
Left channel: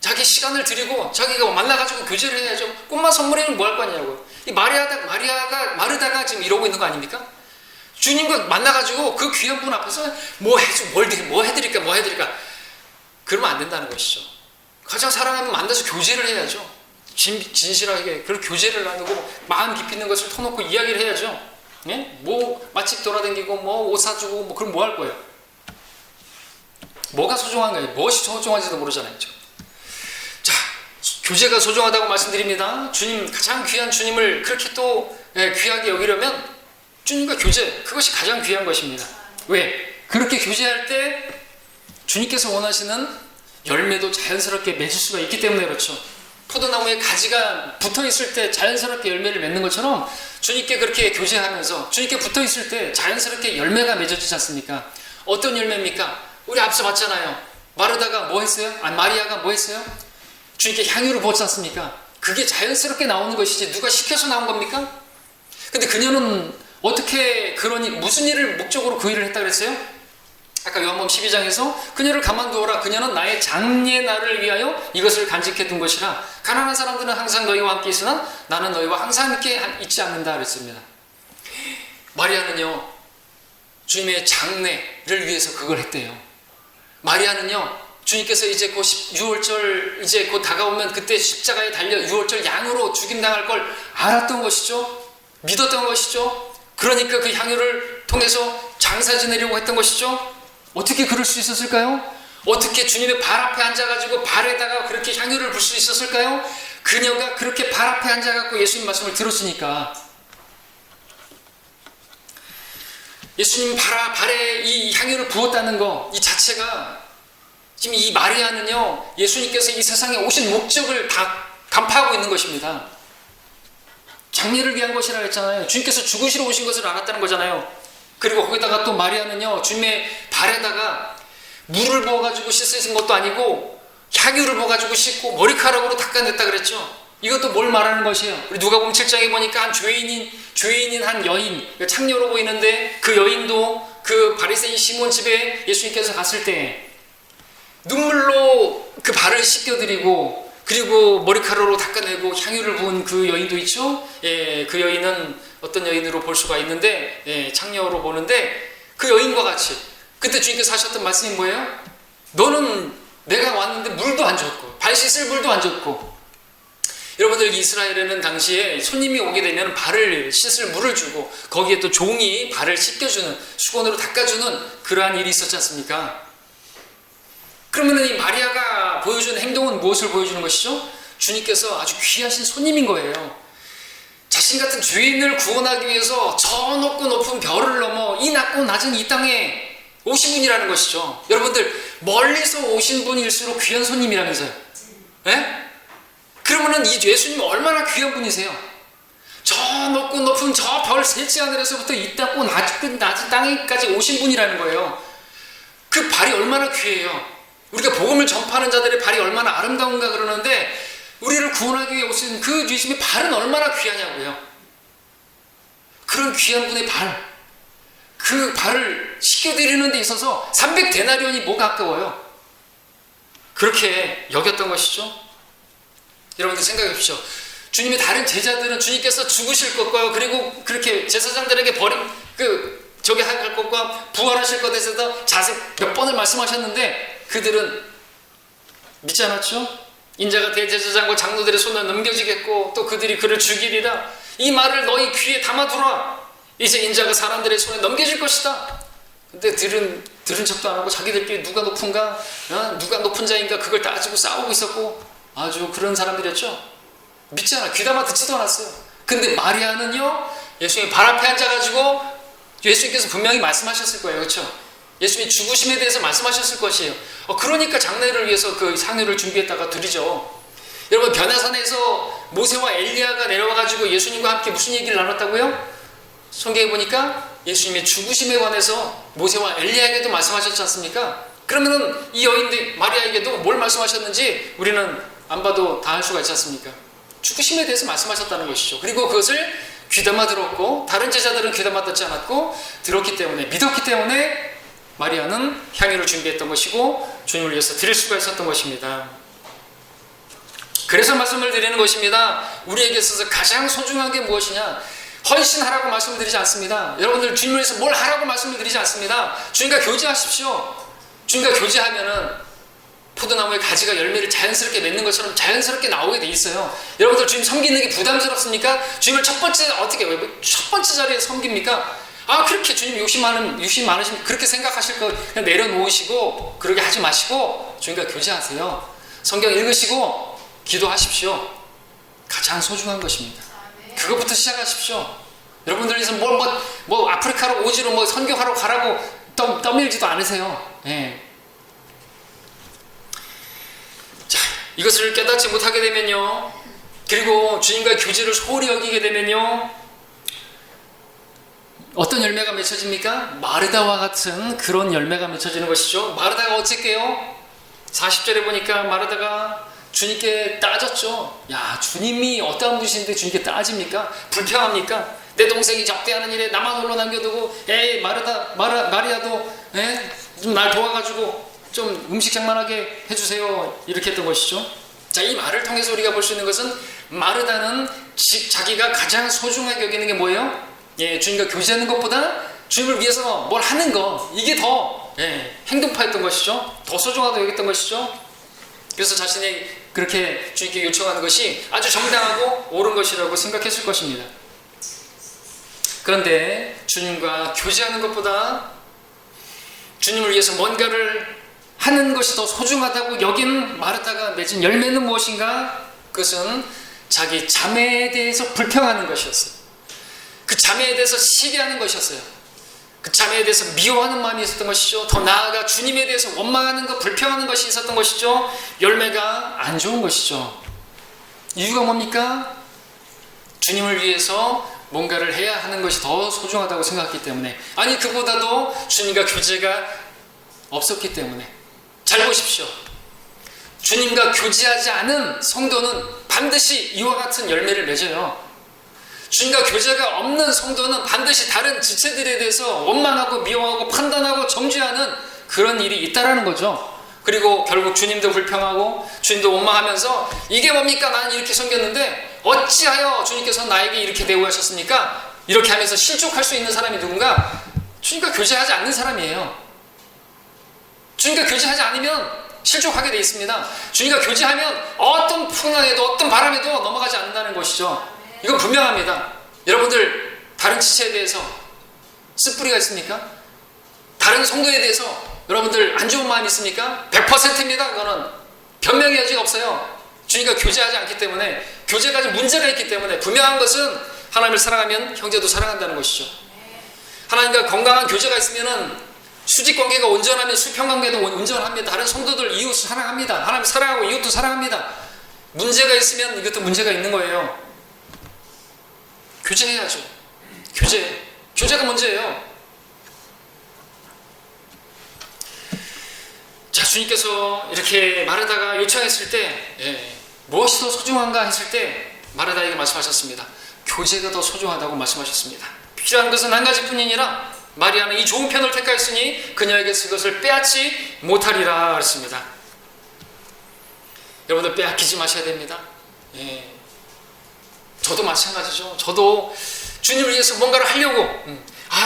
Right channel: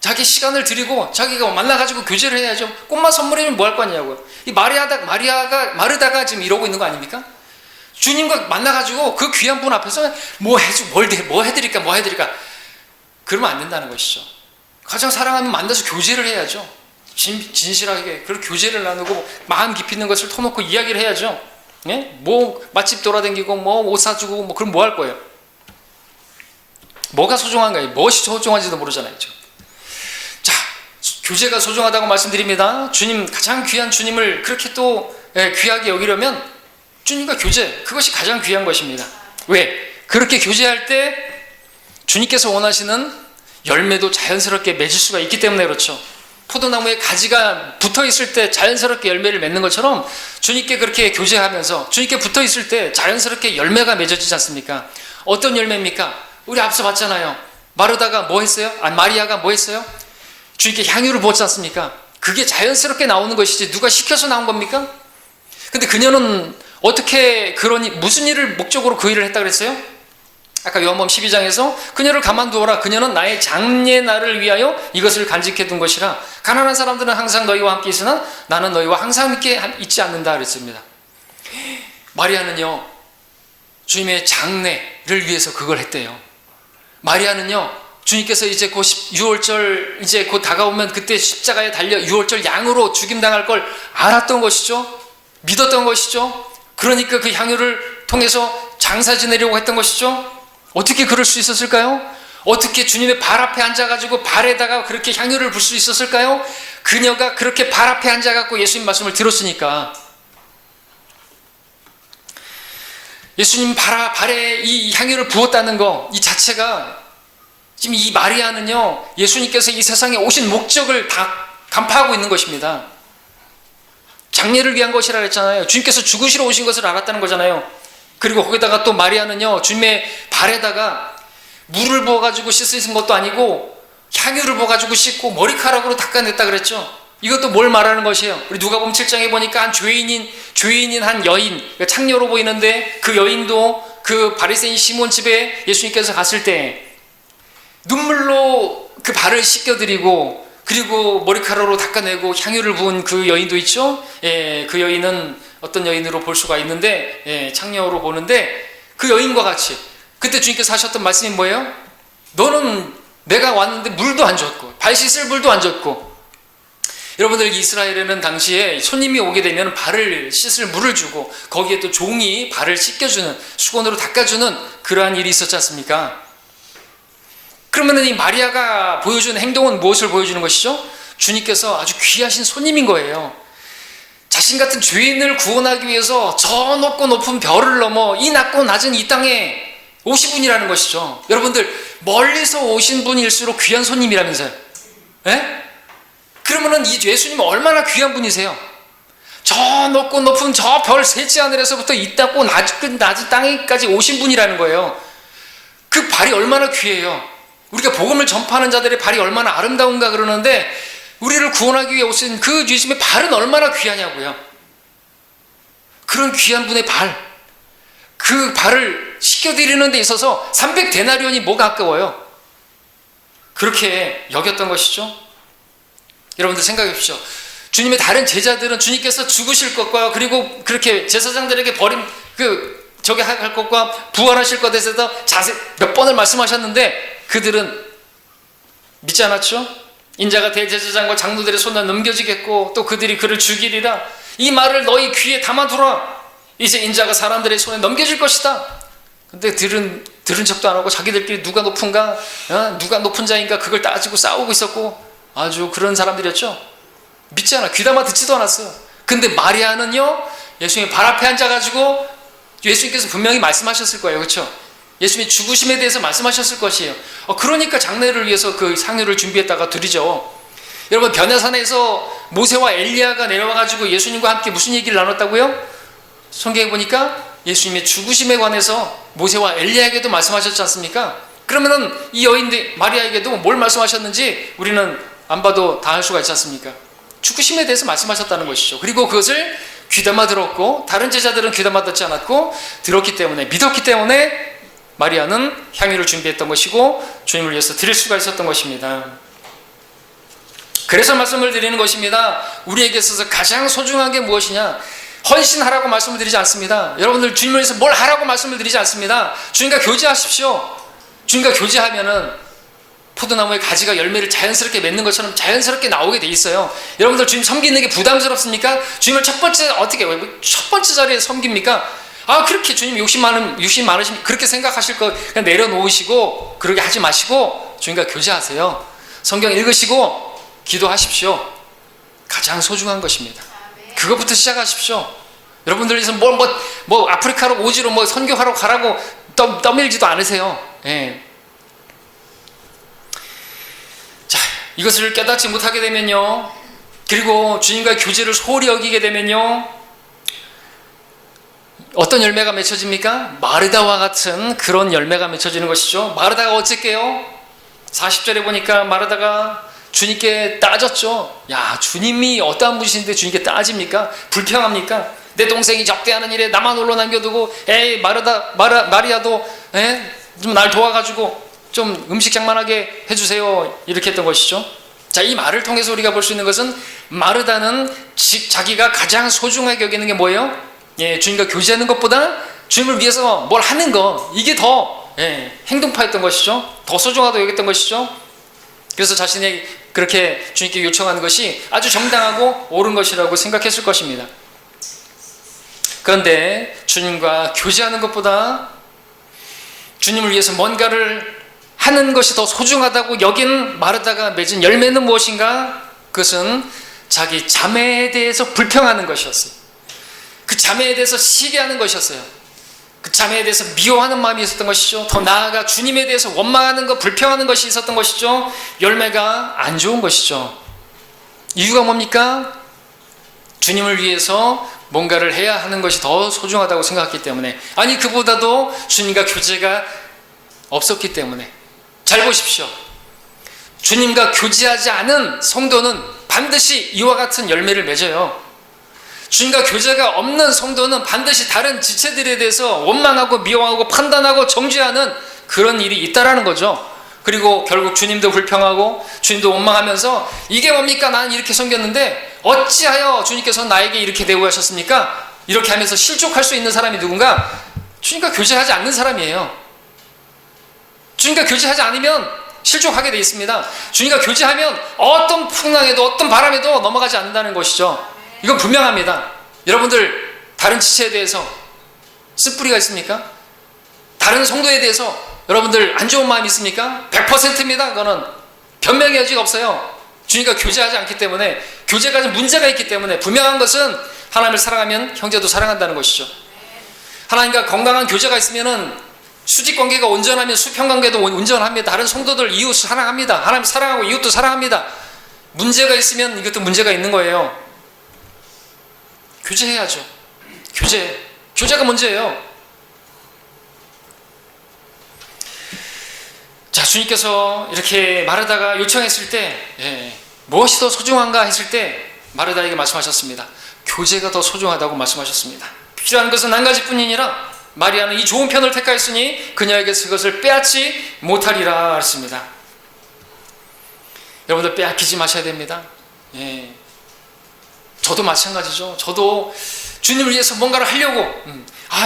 자기 시간을 들이고 자기가 만나가지고 교제를 해야죠. 꽃만 선물해주면 뭐 할 거냐고요. 이 마르다가 지금 이러고 있는 거 아닙니까? 주님과 만나가지고 그 귀한 분 앞에서 뭐 해드릴까 그러면 안 된다는 것이죠. 가장 사랑하면 만나서 교제를 해야죠. 진실하게 그런 교제를 나누고 마음 깊이 있는 것을 터놓고 이야기를 해야죠. 뭐 맛집 돌아다니고 옷 사주고 그럼 뭐 할 거예요? 뭐가 소중한가요? 무엇이 소중한지도 모르잖아요. 자, 교제가 소중하다고 말씀드립니다. 주님, 가장 귀한 주님을 그렇게 또 귀하게 여기려면 주님과 교제, 그것이 가장 귀한 것입니다. 왜? 그렇게 교제할 때 주님께서 원하시는 열매도 자연스럽게 맺을 수가 있기 때문에 그렇죠. 포도나무에 가지가 붙어 있을 때 자연스럽게 열매를 맺는 것처럼 주님께 그렇게 교제하면서 주님께 붙어 있을 때 자연스럽게 열매가 맺어지지 않습니까? 어떤 열매입니까? 우리 앞서 봤잖아요. 마르다가 뭐 했어요? 마리아가 뭐 했어요? 주님께 향유를 부었지 않습니까? 그게 자연스럽게 나오는 것이지 누가 시켜서 나온 겁니까? 근데 그녀는 어떻게 무슨 일을 목적으로 그 일을 했다 그랬어요? 아까 요한복음 12장에서 그녀를 가만두어라. 그녀는 나의 장래 날을 위하여 이것을 간직해 둔 것이라. 가난한 사람들은 항상 너희와 함께 있으나 나는 너희와 항상 함께 있지 않는다 그랬습니다. 마리아는요, 주님의 장래를 위해서 그걸 했대요. 마리아는요, 주님께서 이제 곧 유월절 이제 곧 다가오면 그때 십자가에 달려 유월절 양으로 죽임당할 걸 알았던 것이죠. 믿었던 것이죠. 그러니까 그 향유를 통해서 장사 지내려고 했던 것이죠. 어떻게 그럴 수 있었을까요? 어떻게 주님의 발 앞에 앉아가지고 발에다가 그렇게 향유를 불 수 있었을까요? 그녀가 그렇게 발 앞에 앉아갖고 예수님 말씀을 들었으니까. 예수님 발에 이 향유를 부었다는 거, 이 자체가 지금 이 마리아는요, 예수님께서 이 세상에 오신 목적을 다 간파하고 있는 것입니다. 장례를 위한 것이라 했잖아요. 주님께서 죽으시러 오신 것을 알았다는 거잖아요. 그리고 거기다가 또 마리아는요, 주님의 발에다가 물을 부어가지고 씻으신 것도 아니고 향유를 부어가지고 씻고 머리카락으로 닦아냈다 그랬죠. 이것도 뭘 말하는 것이에요? 우리 누가복음 7장에 보니까 한 죄인인 한 여인, 창녀로 보이는데 그 여인도 그 바리새인 시몬 집에 예수님께서 갔을 때 눈물로 그 발을 씻겨드리고 그리고 머리카락으로 닦아내고 향유를 부은 그 여인도 있죠. 그 여인은 어떤 여인으로 볼 수가 있는데 창녀로 보는데 그 여인과 같이 그때 주님께서 하셨던 말씀이 뭐예요? 너는 내가 왔는데 물도 안 줬고 발 씻을 물도 안 줬고. 여러분들 이스라엘에는 당시에 손님이 오게 되면 발을 씻을 물을 주고 거기에 또 종이 발을 씻겨주는 수건으로 닦아주는 그러한 일이 있었지 않습니까? 그러면 이 마리아가 보여주는 행동은 무엇을 보여주는 것이죠? 주님께서 아주 귀하신 손님인 거예요. 자신 같은 죄인을 구원하기 위해서 저 높고 높은 별을 넘어 이 낮고 낮은 이 땅에 오신 분이라는 것이죠. 여러분들 멀리서 오신 분일수록 귀한 손님이라면서요. 예? 그러면은 이 예수님은 얼마나 귀한 분이세요? 저 높고 높은 저 별 셋째 하늘에서부터 이 땅고 낮은 땅에까지 오신 분이라는 거예요. 그 발이 얼마나 귀해요. 우리가 복음을 전파하는 자들의 발이 얼마나 아름다운가 그러는데 우리를 구원하기 위해 오신 그 예수님의 발은 얼마나 귀하냐고요. 그런 귀한 분의 발, 그 발을 씻겨드리는 데 있어서 300데나리온이 뭐가 아까워요. 그렇게 여겼던 것이죠. 여러분들 생각해 보십시오. 주님의 다른 제자들은 주님께서 죽으실 것과 그리고 그렇게 제사장들에게 버림 저게 할 것과 부활하실 것에 대해서 자세히 몇 번을 말씀하셨는데 그들은 믿지 않았죠. 인자가 대제사장과 장로들의 손에 넘겨지겠고 또 그들이 그를 죽이리라. 이 말을 너희 귀에 담아두라. 이제 인자가 사람들의 손에 넘겨질 것이다. 근데 들은 척도 안 하고 자기들끼리 누가 높은가, 누가 높은 자인가 그걸 따지고 싸우고 있었고 아주 그런 사람들이었죠. 믿지 않아. 귀담아 듣지도 않았어요. 근데 마리아는요, 예수님이 발 앞에 앉아가지고 예수님께서 분명히 말씀하셨을 거예요. 그렇죠? 예수님이 죽으심에 대해서 말씀하셨을 것이에요. 그러니까 장례를 위해서 그 상류를 준비했다가 드리죠. 여러분, 변화산에서 모세와 엘리야가 내려와가지고 예수님과 함께 무슨 얘기를 나눴다고요? 성경에 보니까 예수님의 죽으심에 관해서 모세와 엘리야에게도 말씀하셨지 않습니까? 그러면은 이 여인들 마리아에게도 뭘 말씀하셨는지 우리는 안 봐도 다 알 수가 있지 않습니까? 죽으심에 대해서 말씀하셨다는 것이죠. 그리고 그것을 귀담아 들었고 다른 제자들은 귀담아 듣지 않았고 들었기 때문에, 믿었기 때문에 마리아는 향유를 준비했던 것이고 주님을 위해서 드릴 수가 있었던 것입니다. 그래서 말씀을 드리는 것입니다. 우리에게 있어서 가장 소중한 게 무엇이냐? 헌신하라고 말씀을 드리지 않습니다. 여러분들 주님을 위해서 뭘 하라고 말씀을 드리지 않습니다. 주님과 교제하십시오. 주님과 교제하면은 포도나무의 가지가 열매를 자연스럽게 맺는 것처럼 자연스럽게 나오게 돼 있어요. 여러분들 주님 섬기는 게 부담스럽습니까? 주님을 첫 번째 자리에 섬깁니까? 그렇게 주님 욕심 많으시면 그렇게 생각하실 거 그냥 내려놓으시고 그러게 하지 마시고 주님과 교제하세요. 성경 읽으시고 기도하십시오. 가장 소중한 것입니다. 그것부터 시작하십시오. 여러분들께서 뭐 아프리카로 오지로 뭐 선교하러 가라고 떠밀지도 않으세요. 예. 자, 이것을 깨닫지 못하게 되면요, 그리고 주님과의 교제를 소홀히 여기게 되면요, 어떤 열매가 맺혀집니까? 마르다와 같은 그런 열매가 맺혀지는 것이죠. 마르다가 어쨌게요? 40절에 보니까 마르다가 주님께 따졌죠. 야, 주님이 어떠한 분이신데 주님께 따집니까? 불평합니까? 내 동생이 접대하는 일에 나만 홀로 남겨두고 에이 마리아도 좀 날 도와가지고 좀 음식 장만하게 해주세요. 이렇게 했던 것이죠. 자, 이 말을 통해서 우리가 볼 수 있는 것은 마르다는 자기가 가장 소중하게 여기는 게 뭐예요? 주님과 교제하는 것보다 주님을 위해서 뭘 하는 것, 이게 더 행동파였던 것이죠. 더 소중하다고 여겼던 것이죠. 그래서 자신이 그렇게 주님께 요청하는 것이 아주 정당하고 옳은 것이라고 생각했을 것입니다. 그런데 주님과 교제하는 것보다 주님을 위해서 뭔가를 하는 것이 더 소중하다고 여긴 마르다가 맺은 열매는 무엇인가? 그것은 자기 자매에 대해서 불평하는 것이었어요. 그 자매에 대해서 시기하는 것이었어요. 그 자매에 대해서 미워하는 마음이 있었던 것이죠. 더 나아가 주님에 대해서 원망하는 것, 불평하는 것이 있었던 것이죠. 열매가 안 좋은 것이죠. 이유가 뭡니까? 주님을 위해서 뭔가를 해야 하는 것이 더 소중하다고 생각했기 때문에, 아니 그보다도 주님과 교제가 없었기 때문에. 잘 보십시오. 주님과 교제하지 않은 성도는 반드시 이와 같은 열매를 맺어요. 주님과 교제가 없는 성도는 반드시 다른 지체들에 대해서 원망하고 미워하고 판단하고 정죄하는 그런 일이 있다라는 거죠. 그리고 결국 주님도 불평하고 주님도 원망하면서 이게 뭡니까? 나는 이렇게 섬겼는데 어찌하여 주님께서 나에게 이렇게 대우하셨습니까? 이렇게 하면서 실족할 수 있는 사람이 누군가? 주님과 교제하지 않는 사람이에요. 주님과 교제하지 않으면 실족하게 되어 있습니다. 주님과 교제하면 어떤 풍랑에도 어떤 바람에도 넘어가지 않는다는 것이죠. 이건 분명합니다. 여러분들 다른 지체에 대해서 쓴뿌리가 있습니까? 다른 성도에 대해서 여러분들 안 좋은 마음이 있습니까? 100%입니다. 그거는 변명의 여지가 없어요. 주님과 교제하지 않기 때문에, 교제가 문제가 있기 때문에. 분명한 것은 하나님을 사랑하면 형제도 사랑한다는 것이죠. 하나님과 건강한 교제가 있으면은 수직 관계가 온전하면 수평 관계도 온전합니다. 다른 성도들 이웃 사랑합니다. 하나님 사랑하고 이웃도 사랑합니다. 문제가 있으면 이것도 문제가 있는 거예요. 교제해야죠. 교제가 문제예요. 자, 주님께서 이렇게 마르다가 요청했을 때 무엇이 더 소중한가 했을 때 마르다에게 말씀하셨습니다. 교제가 더 소중하다고 말씀하셨습니다. 필요한 것은 한 가지뿐이니라 마리아는 이 좋은 편을 택하였으니 그녀에게서 그것을 빼앗지 못하리라 했습니다. 여러분들 빼앗기지 마셔야 됩니다. 저도 마찬가지죠. 저도 주님을 위해서 뭔가를 하려고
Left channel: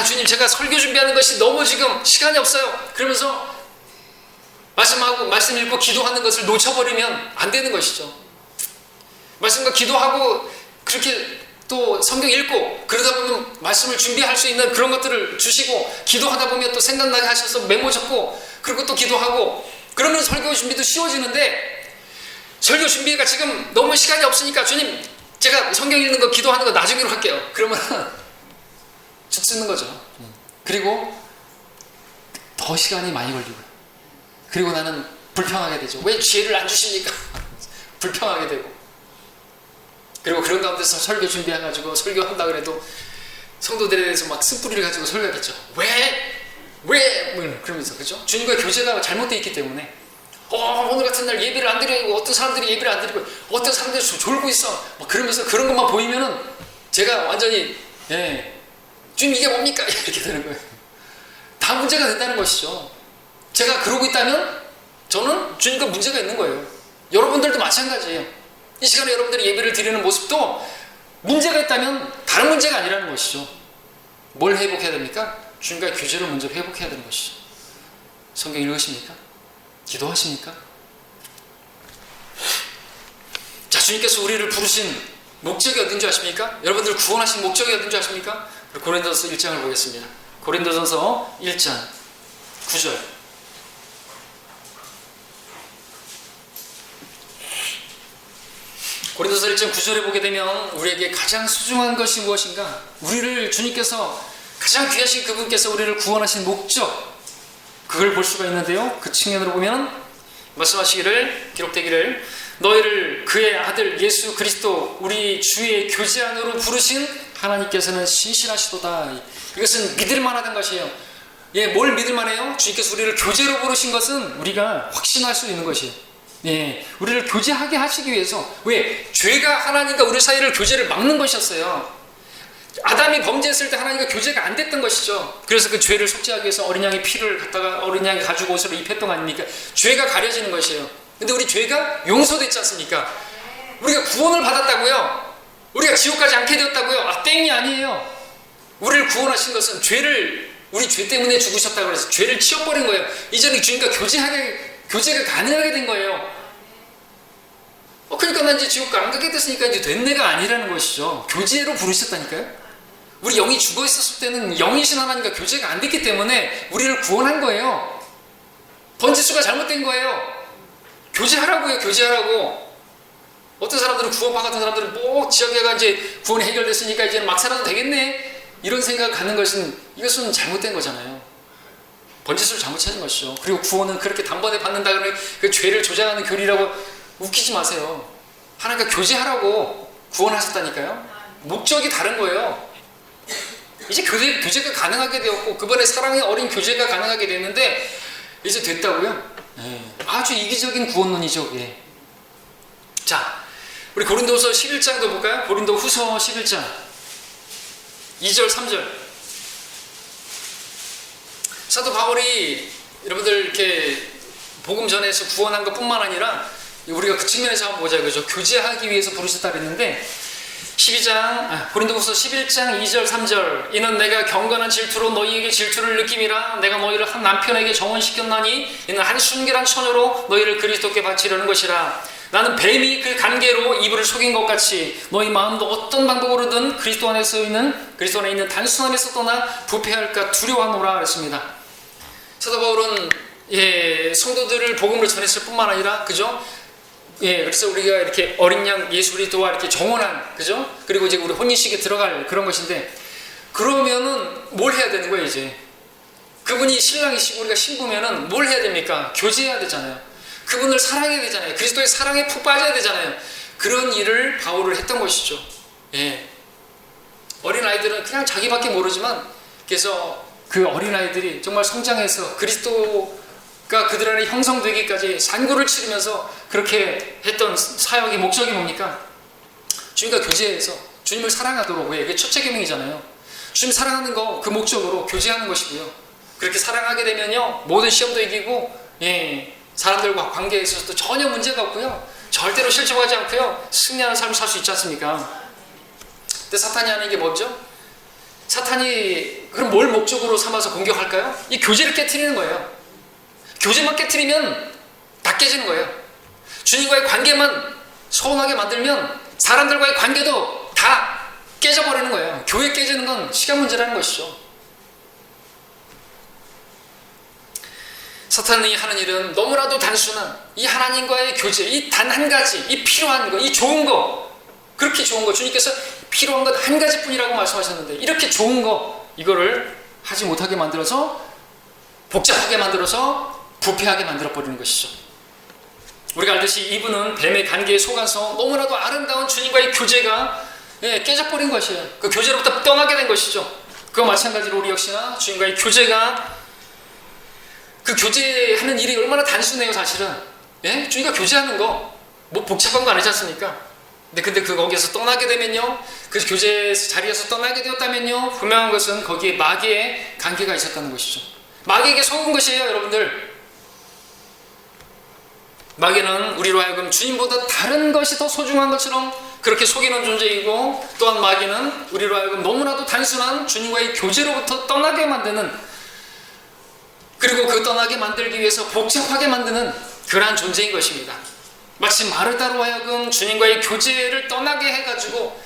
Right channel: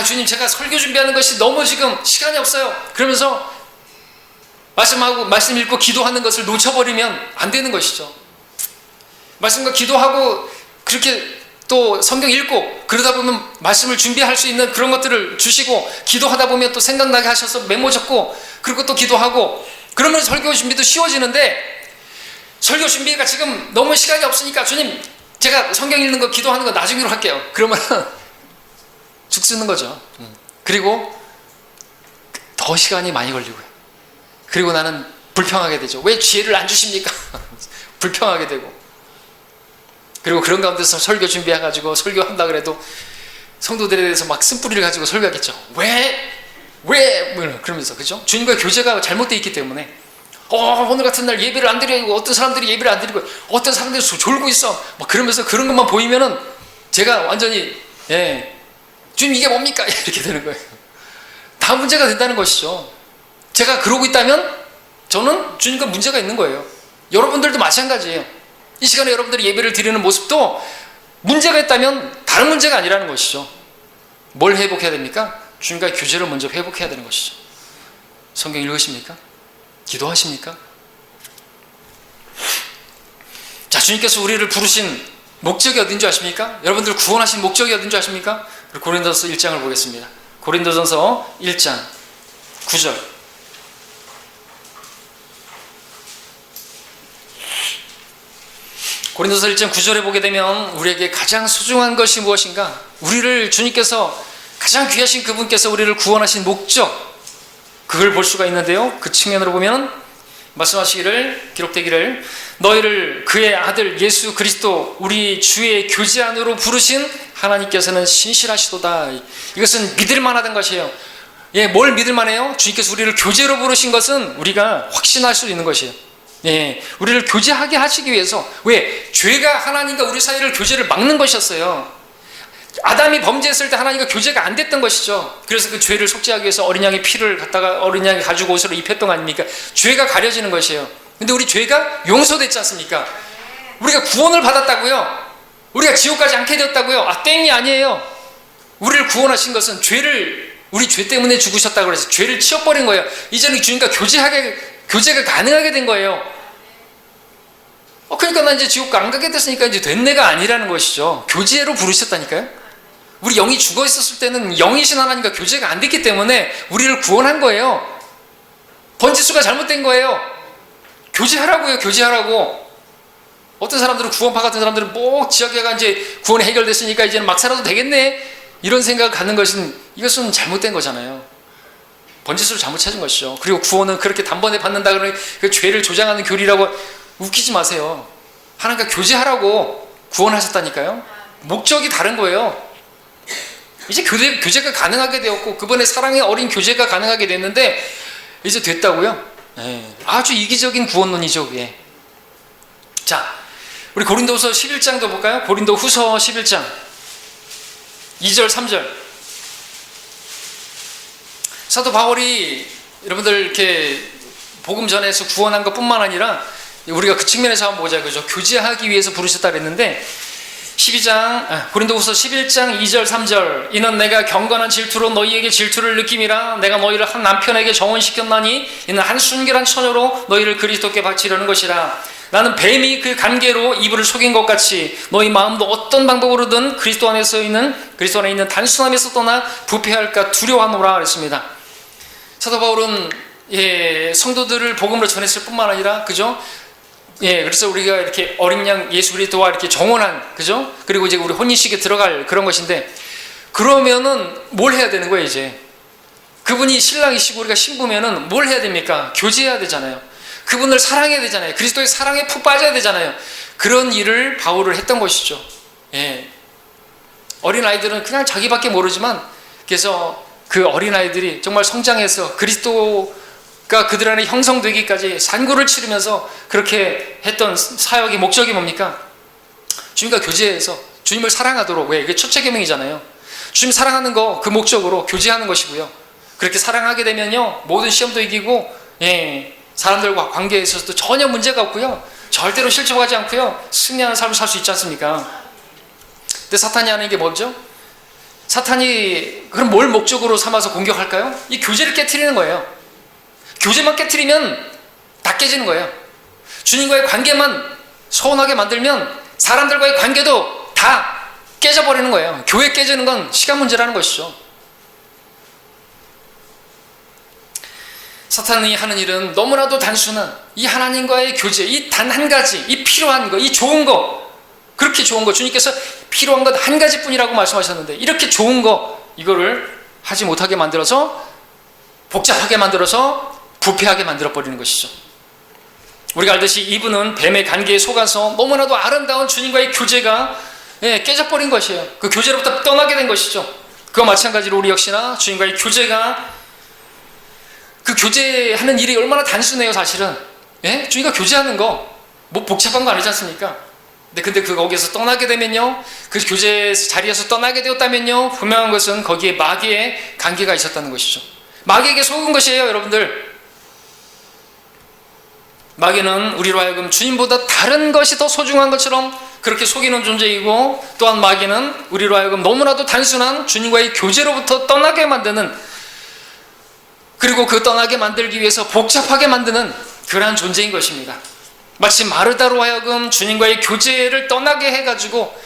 주님 제가 설교 준비하는 것이 너무 지금 시간이 없어요. 그러면서 말씀 읽고 기도하는 것을 놓쳐버리면 안 되는 것이죠. 말씀과 기도하고 그렇게 또 성경 읽고 그러다 보면 말씀을 준비할 수 있는 그런 것들을 주시고 기도하다 보면 또 생각나게 하셔서 메모 적고 그리고 또 기도하고 그러면 설교 준비도 쉬워지는데 설교 준비가 지금 너무 시간이 없으니까 주님 제가 성경 읽는 거 기도하는 거 나중으로 할게요. 그러면 죽쓰는 거죠. 그리고 더 시간이 많이 걸리고요. 그리고 나는 불평하게 되죠. 왜 지혜를 안 주십니까? 불평하게 되고 그리고 그런 가운데서 설교 준비해가지고 설교한다 그래도 성도들에 대해서 막 쓴뿌리를 가지고 설교하겠죠. 왜? 그러면서 그죠? 주님과의 교제가 잘못되어 있기 때문에 오늘 같은 날 예배를 안 드리고 어떤 사람들이 예배를 안 드리고 어떤 사람들이 졸고 있어 막 그러면서 그런 것만 보이면은 제가 완전히 주님 이게 뭡니까? 이렇게 되는 거예요. 다 문제가 된다는 것이죠. 제가 그러고 있다면 저는 주님과 문제가 있는 거예요. 여러분들도 마찬가지예요. 이 시간에 여러분들이 예배를 드리는 모습도 문제가 있다면 다른 문제가 아니라는 것이죠. 뭘 회복해야 됩니까? 주님과의 교제를 먼저 회복해야 되는 것이죠. 성경 읽으십니까? 기도하십니까? 자, 주님께서 우리를 부르신 목적이 어딘지 아십니까? 여러분들 구원하신 목적이 어딘지 아십니까? 고린도전서 1장을 보겠습니다. 고린도전서 1장 9절 고린도서 1장 9절에 보게 되면 우리에게 가장 소중한 것이 무엇인가? 우리를 주님께서 가장 귀하신 그분께서 우리를 구원하신 목적 그걸 볼 수가 있는데요. 그 측면으로 보면 말씀하시기를 기록되기를 너희를 그의 아들 예수 그리스도 우리 주의 교제 안으로 부르신 하나님께서는 신실하시도다. 이것은 믿을만하다는 것이에요. 뭘 믿을만해요? 주님께서 우리를 교제로 부르신 것은 우리가 확신할 수 있는 것이에요. 우리를 교제하게 하시기 위해서 왜? 죄가 하나님과 우리 사이를 교제를 막는 것이었어요. 아담이 범죄했을 때 하나님과 교제가 안 됐던 것이죠. 그래서 그 죄를 속죄하기 위해서 어린 양의 피를 갖다가 어린 양이 가지고 옷을 입혔던 거 아닙니까? 죄가 가려지는 것이에요. 근데 우리 죄가 용서됐지 않습니까? 우리가 구원을 받았다고요. 우리가 지옥 가지 않게 되었다고요. 땡이 아니에요. 우리를 구원하신 것은 우리 죄 때문에 죽으셨다고 그래서 죄를 치워버린 거예요. 이제는 주님과 교제가 가능하게 된 거예요. 그러니까 나 이제 지옥 안 가게 됐으니까 이제 된 내가 아니라는 것이죠. 교제로 부르셨다니까요. 우리 영이 죽어 있었을 때는 영이신 하나님과 교제가 안 됐기 때문에 우리를 구원한 거예요. 번지수가 잘못된 거예요. 교제하라고요. 교제하라고. 어떤 사람들은 구원파 같은 사람들은 뭐 지역에가 이제 구원이 해결됐으니까 이제는 막 살아도 되겠네 이런 생각을 갖는 것은 이것은 잘못된 거잖아요. 번지수를 잘못 찾은 것이죠. 그리고 구원은 그렇게 단번에 받는다 그러니 그 죄를 조장하는 교리라고 웃기지 마세요. 하나님과 교제하라고 구원하셨다니까요. 목적이 다른 거예요. 이제 교제가 가능하게 되었고 그분의 사랑의 어린 교제가 가능하게 됐는데 이제 됐다고요? 아주 이기적인 구원론이죠. 그게. 자, 우리 고린도후서 11장도 볼까요? 고린도 후서 11장 2절 3절 사도 바울이 여러분들 이렇게 복음 전해서 구원한 것뿐만 아니라 우리가 그 측면에서 한번 보자 그죠? 교제하기 위해서 부르셨다 그랬는데 고린도후서 11장 2절 3절 이는 내가 경건한 질투로 너희에게 질투를 느낌이라 내가 너희를 한 남편에게 정혼시켰나니 이는 한 순결한 처녀로 너희를 그리스도께 바치려는 것이라 나는 뱀이 그 간계로 이불을 속인 것 같이 너희 마음도 어떤 방법으로든 그리스도 안에 있는 단순함에서 떠나 부패할까 두려워하노라 그랬습니다. 사도 바울은 성도들을 복음으로 전했을 뿐만 아니라 그죠? 그래서 우리가 이렇게 어린 양 예수 그리스도와 이렇게 정혼한 그죠? 그리고 이제 우리 혼인식에 들어갈 그런 것인데 그러면은 뭘 해야 되는 거예요 이제? 그분이 신랑이시고 우리가 신부면은 뭘 해야 됩니까? 교제해야 되잖아요. 그분을 사랑해야 되잖아요. 그리스도의 사랑에 푹 빠져야 되잖아요. 그런 일을 바울을 했던 것이죠. 예. 어린아이들은 그냥 자기밖에 모르지만, 그래서 그 어린아이들이 정말 성장해서 그리스도가 그들 안에 형성되기까지 산구를 치르면서 그렇게 했던 사역의 목적이 뭡니까? 주님과 교제해서 주님을 사랑하도록. 왜? 이게 첫째 계명이잖아요. 주님 사랑하는 거, 그 목적으로 교제하는 것이고요. 그렇게 사랑하게 되면요, 모든 시험도 이기고, 사람들과 관계에 있어서도 전혀 문제가 없고요, 절대로 실족하지 않고요, 승리하는 삶을 살 수 있지 않습니까? 근데 사탄이 하는 게 뭐죠? 사탄이 그럼 뭘 목적으로 삼아서 공격할까요? 이 교제를 깨트리는 거예요. 교제만 깨트리면 다 깨지는 거예요. 주님과의 관계만 소원하게 만들면 사람들과의 관계도 다 깨져버리는 거예요. 교회 깨지는 건 시간 문제라는 것이죠. 사탄이 하는 일은 너무나도 단순한 이 하나님과의 교제, 이 단 한 가지, 이 필요한 거, 이 좋은 거, 그렇게 좋은 거, 주님께서 필요한 것 한 가지뿐이라고 말씀하셨는데, 이렇게 좋은 거, 이거를 하지 못하게 만들어서 복잡하게 만들어서 부패하게 만들어버리는 것이죠. 우리가 알듯이 이분은 뱀의 관계에 속아서 너무나도 아름다운 주님과의 교제가 깨져버린 것이에요. 그 교제로부터 떠나게 된 것이죠. 그와 마찬가지로 우리 역시나 주님과의 교제가, 그 교제하는 일이 얼마나 단순해요, 사실은. 주님과 교제하는 거, 뭐 복잡한 거 아니지 않습니까? 근데 거기에서 떠나게 되면요, 그 교제 자리에서 떠나게 되었다면요, 분명한 것은 거기에 마귀의 관계가 있었다는 것이죠. 마귀에게 속은 것이에요, 여러분들. 마귀는 우리로 하여금 주님보다 다른 것이 더 소중한 것처럼 그렇게 속이는 존재이고, 또한 마귀는 우리로 하여금 너무나도 단순한 주님과의 교제로부터 떠나게 만드는, 그리고 그 떠나게 만들기 위해서 복잡하게 만드는 그러한 존재인 것입니다. 마치 마르다로 하여금 주님과의 교제를 떠나게 해가지고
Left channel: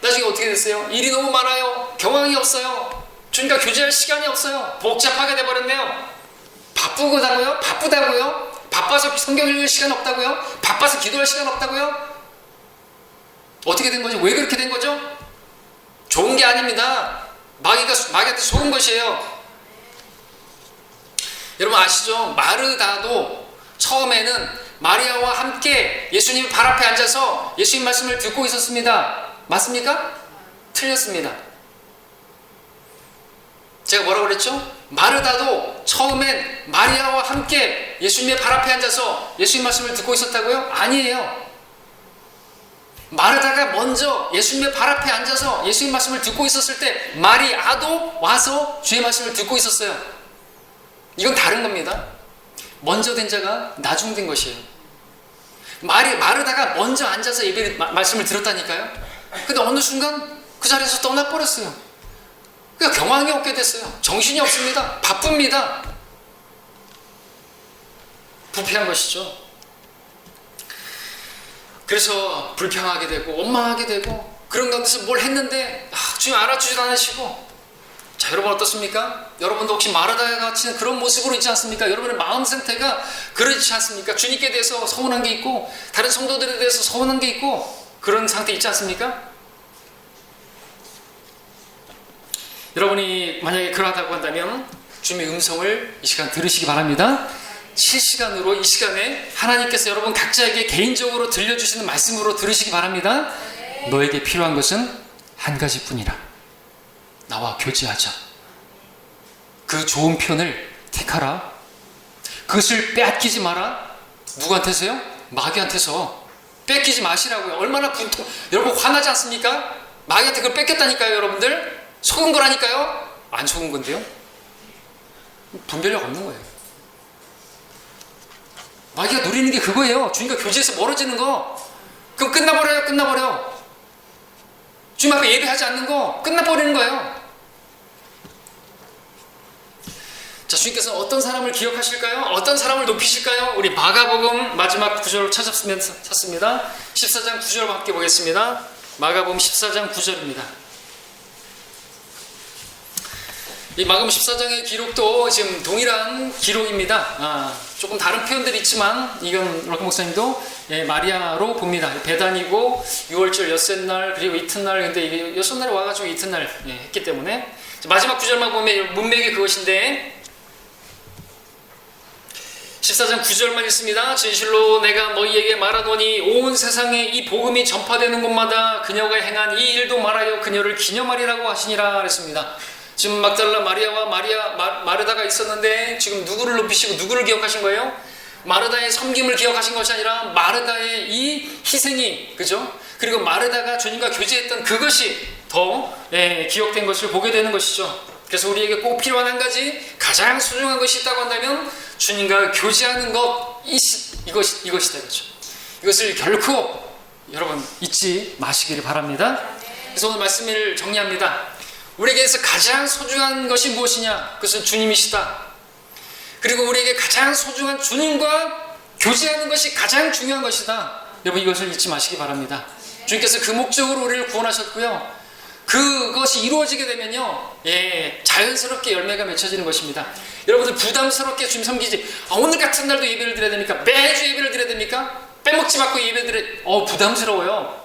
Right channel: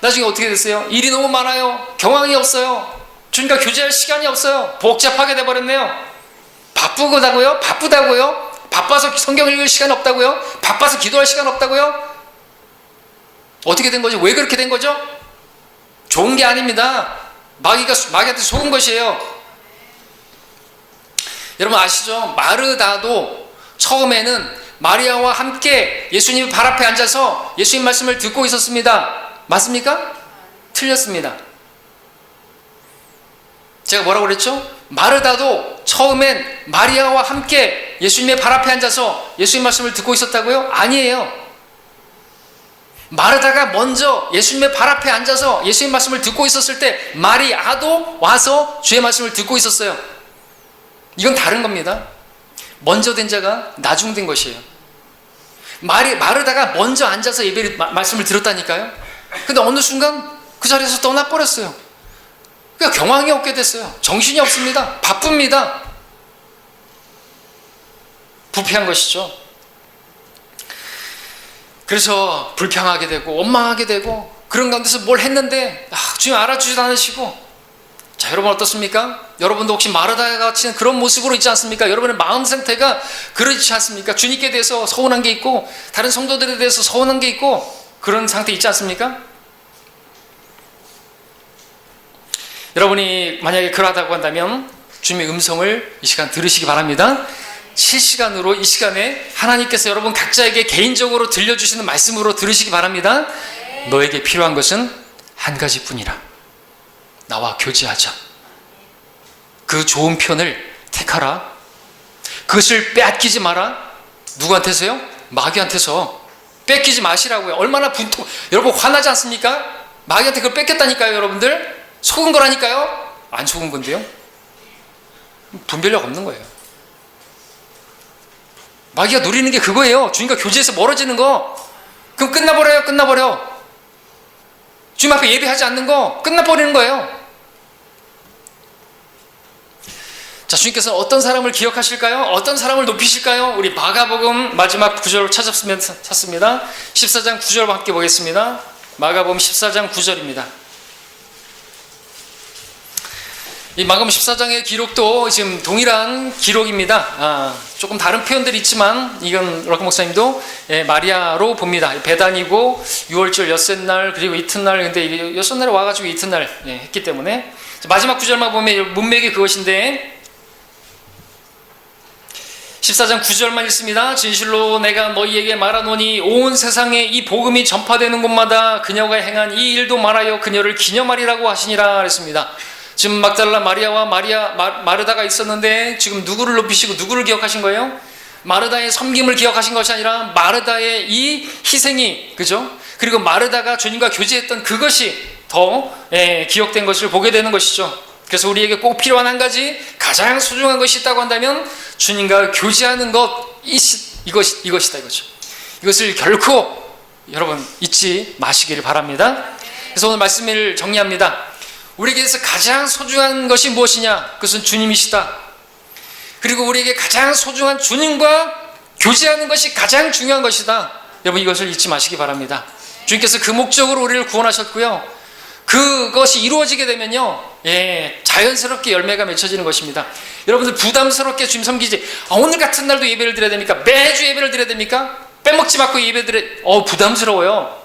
나중에 어떻게 됐어요? 일이 너무 많아요. 경황이 없어요. 주님과 교제할 시간이 없어요. 복잡하게 돼버렸네요. 바쁘다고요? 바빠서 성경 읽을 시간 없다고요? 바빠서 기도할 시간 없다고요? 어떻게 된 거죠? 왜 그렇게 된 거죠? 좋은 게 아닙니다. 마귀한테 속은 것이에요. 여러분 아시죠? 마르다도 처음에는 마리아와 함께 예수님 발 앞에 앉아서 예수님 말씀을 듣고 있었습니다. 맞습니까? 틀렸습니다. 제가 뭐라고 그랬죠? 마르다도 처음엔 마리아와 함께 예수님의 발 앞에 앉아서 예수님 말씀을 듣고 있었다고요? 아니에요. 마르다가 먼저 예수님의 발 앞에 앉아서 예수님 말씀을 듣고 있었을 때 마리아도 와서 주의 말씀을 듣고 있었어요. 이건 다른 겁니다. 먼저 된 자가 나중 된 것이에요. 마르다가 먼저 앉아서 예배를 말씀을 들었다니까요. 근데 어느 순간 그 자리에서 떠나버렸어요. 그러니까 경황이 없게 됐어요. 정신이 없습니다. 바쁩니다. 부패한 것이죠. 그래서 불평하게 되고 원망하게 되고 그런 가운데서 뭘 했는데 주님 알아주지도 않으시고. 자, 여러분 어떻습니까? 여러분도 혹시 마르다와 같이 그런 모습으로 있지 않습니까? 여러분의 마음 상태가 그렇지 않습니까? 주님께 대해서 서운한 게 있고 다른 성도들에 대해서 서운한 게 있고 그런 상태 있지 않습니까? 여러분이 만약에 그러하다고 한다면 주님의 음성을 이 시간 들으시기 바랍니다. 실시간으로 이 시간에 하나님께서 여러분 각자에게 개인적으로 들려주시는 말씀으로 들으시기 바랍니다. 너에게 필요한 것은 한 가지뿐이라. 나와 교제하자. 그 좋은 편을 택하라. 그것을 빼앗기지 마라. 누구한테서요? 마귀한테서. 뺏기지 마시라고요. 얼마나 여러분 화나지 않습니까? 마귀한테 그걸 뺏겼다니까요, 여러분들. 속은 거라니까요. 안 속은 건데요. 분별력 없는 거예요. 마귀가 누리는 게 그거예요. 주님과 교제에서 멀어지는 거. 그럼 끝나버려. 주님 앞에 예배하지 않는 거 끝나버리는 거예요. 자, 주님께서 어떤 사람을 기억하실까요? 어떤 사람을 높이실까요? 우리 마가복음 마지막 구절을 찾습니다. 14장 9절 함께 보겠습니다. 마가복음 14장 9절입니다. 이 마가복음 14장의 기록도 지금 동일한 기록입니다. 조금 다른 표현들이 있지만 이건 락커 목사님도 마리아로 봅니다. 배단이고 6월절 엿새날 그리고 이튿날, 근데 엿새날에 와가지고 이튿날 했기 때문에 마지막 구절만 보면 문맥이 그것인데 14장 9절만 읽습니다. 진실로 내가 너희에게 말하노니 온 세상에 이 복음이 전파되는 곳마다 그녀가 행한 이 일도 말하여 그녀를 기념하리라고 하시니라 그랬습니다. 지금 막달라 마리아와 마르다가 있었는데 지금 누구를 높이시고 누구를 기억하신 거예요? 마르다의 섬김을 기억하신 것이 아니라 마르다의 이 희생이, 그죠? 그리고 마르다가 주님과 교제했던 그것이 더 기억된 것을 보게 되는 것이죠. 그래서 우리에게 꼭 필요한 한 가지, 가장 소중한 것이 있다고 한다면 주님과 교제하는 것, 이것이다 이거죠. 이것을 결코 여러분 잊지 마시기를 바랍니다. 그래서 오늘 말씀을 정리합니다. 우리에게서 가장 소중한 것이 무엇이냐? 그것은 주님이시다. 그리고 우리에게 가장 소중한 주님과 교제하는 것이 가장 중요한 것이다. 여러분 이것을 잊지 마시기 바랍니다. 주님께서 그 목적으로 우리를 구원하셨고요. 그것이 이루어지게 되면요, 자연스럽게 열매가 맺혀지는 것입니다. 여러분들 부담스럽게 주님 섬기지, 오늘 같은 날도 예배를 드려야 됩니까? 매주 예배를 드려야 됩니까? 빼먹지 말고 예배 부담스러워요.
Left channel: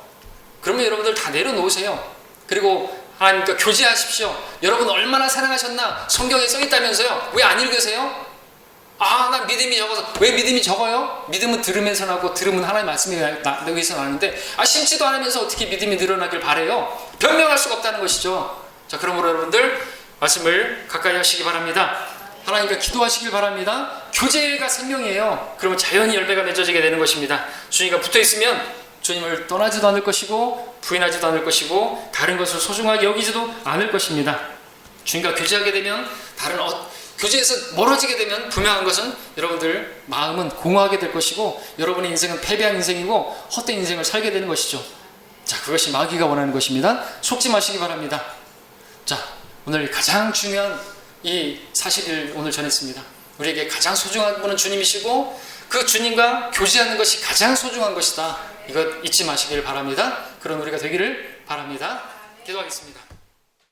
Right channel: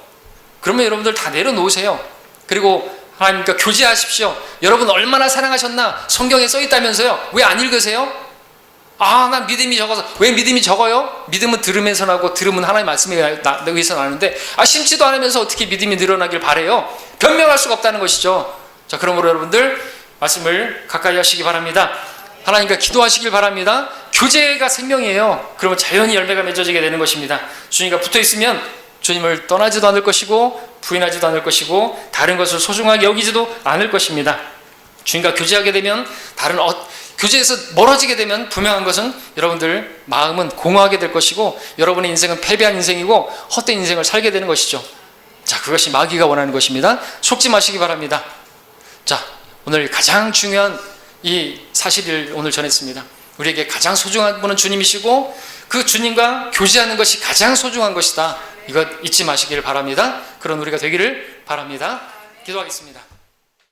그러면 여러분들 다 내려놓으세요. 그리고 하나님과 교제하십시오. 여러분 얼마나 사랑하셨나 성경에 써있다면서요. 왜 안 읽으세요? 난 믿음이 적어서. 왜 믿음이 적어요? 믿음은 들으면서 나고, 들으면 하나님의 말씀에 의해서 나는데, 심지도 않으면서 어떻게 믿음이 늘어나길 바래요? 변명할 수가 없다는 것이죠. 자, 그러므로 여러분들 말씀을 가까이 하시기 바랍니다. 하나님과 기도하시길 바랍니다. 교제가 생명이에요. 그러면 자연히 열매가 맺어지게 되는 것입니다. 주님과 붙어있으면 주님을 떠나지도 않을 것이고 부인하지도 않을 것이고 다른 것을 소중하게 여기지도 않을 것입니다. 주님과 교제하게 되면 교제에서 멀어지게 되면 분명한 것은 여러분들 마음은 공허하게 될 것이고 여러분의 인생은 패배한 인생이고 헛된 인생을 살게 되는 것이죠. 자, 그것이 마귀가 원하는 것입니다. 속지 마시기 바랍니다. 자, 오늘 가장 중요한 이 사실을 오늘 전했습니다. 우리에게 가장 소중한 분은 주님이시고 그 주님과 교제하는 것이 가장 소중한 것이다. 이것 잊지 마시기를 바랍니다. 그런 우리가 되기를 바랍니다. 기도하겠습니다.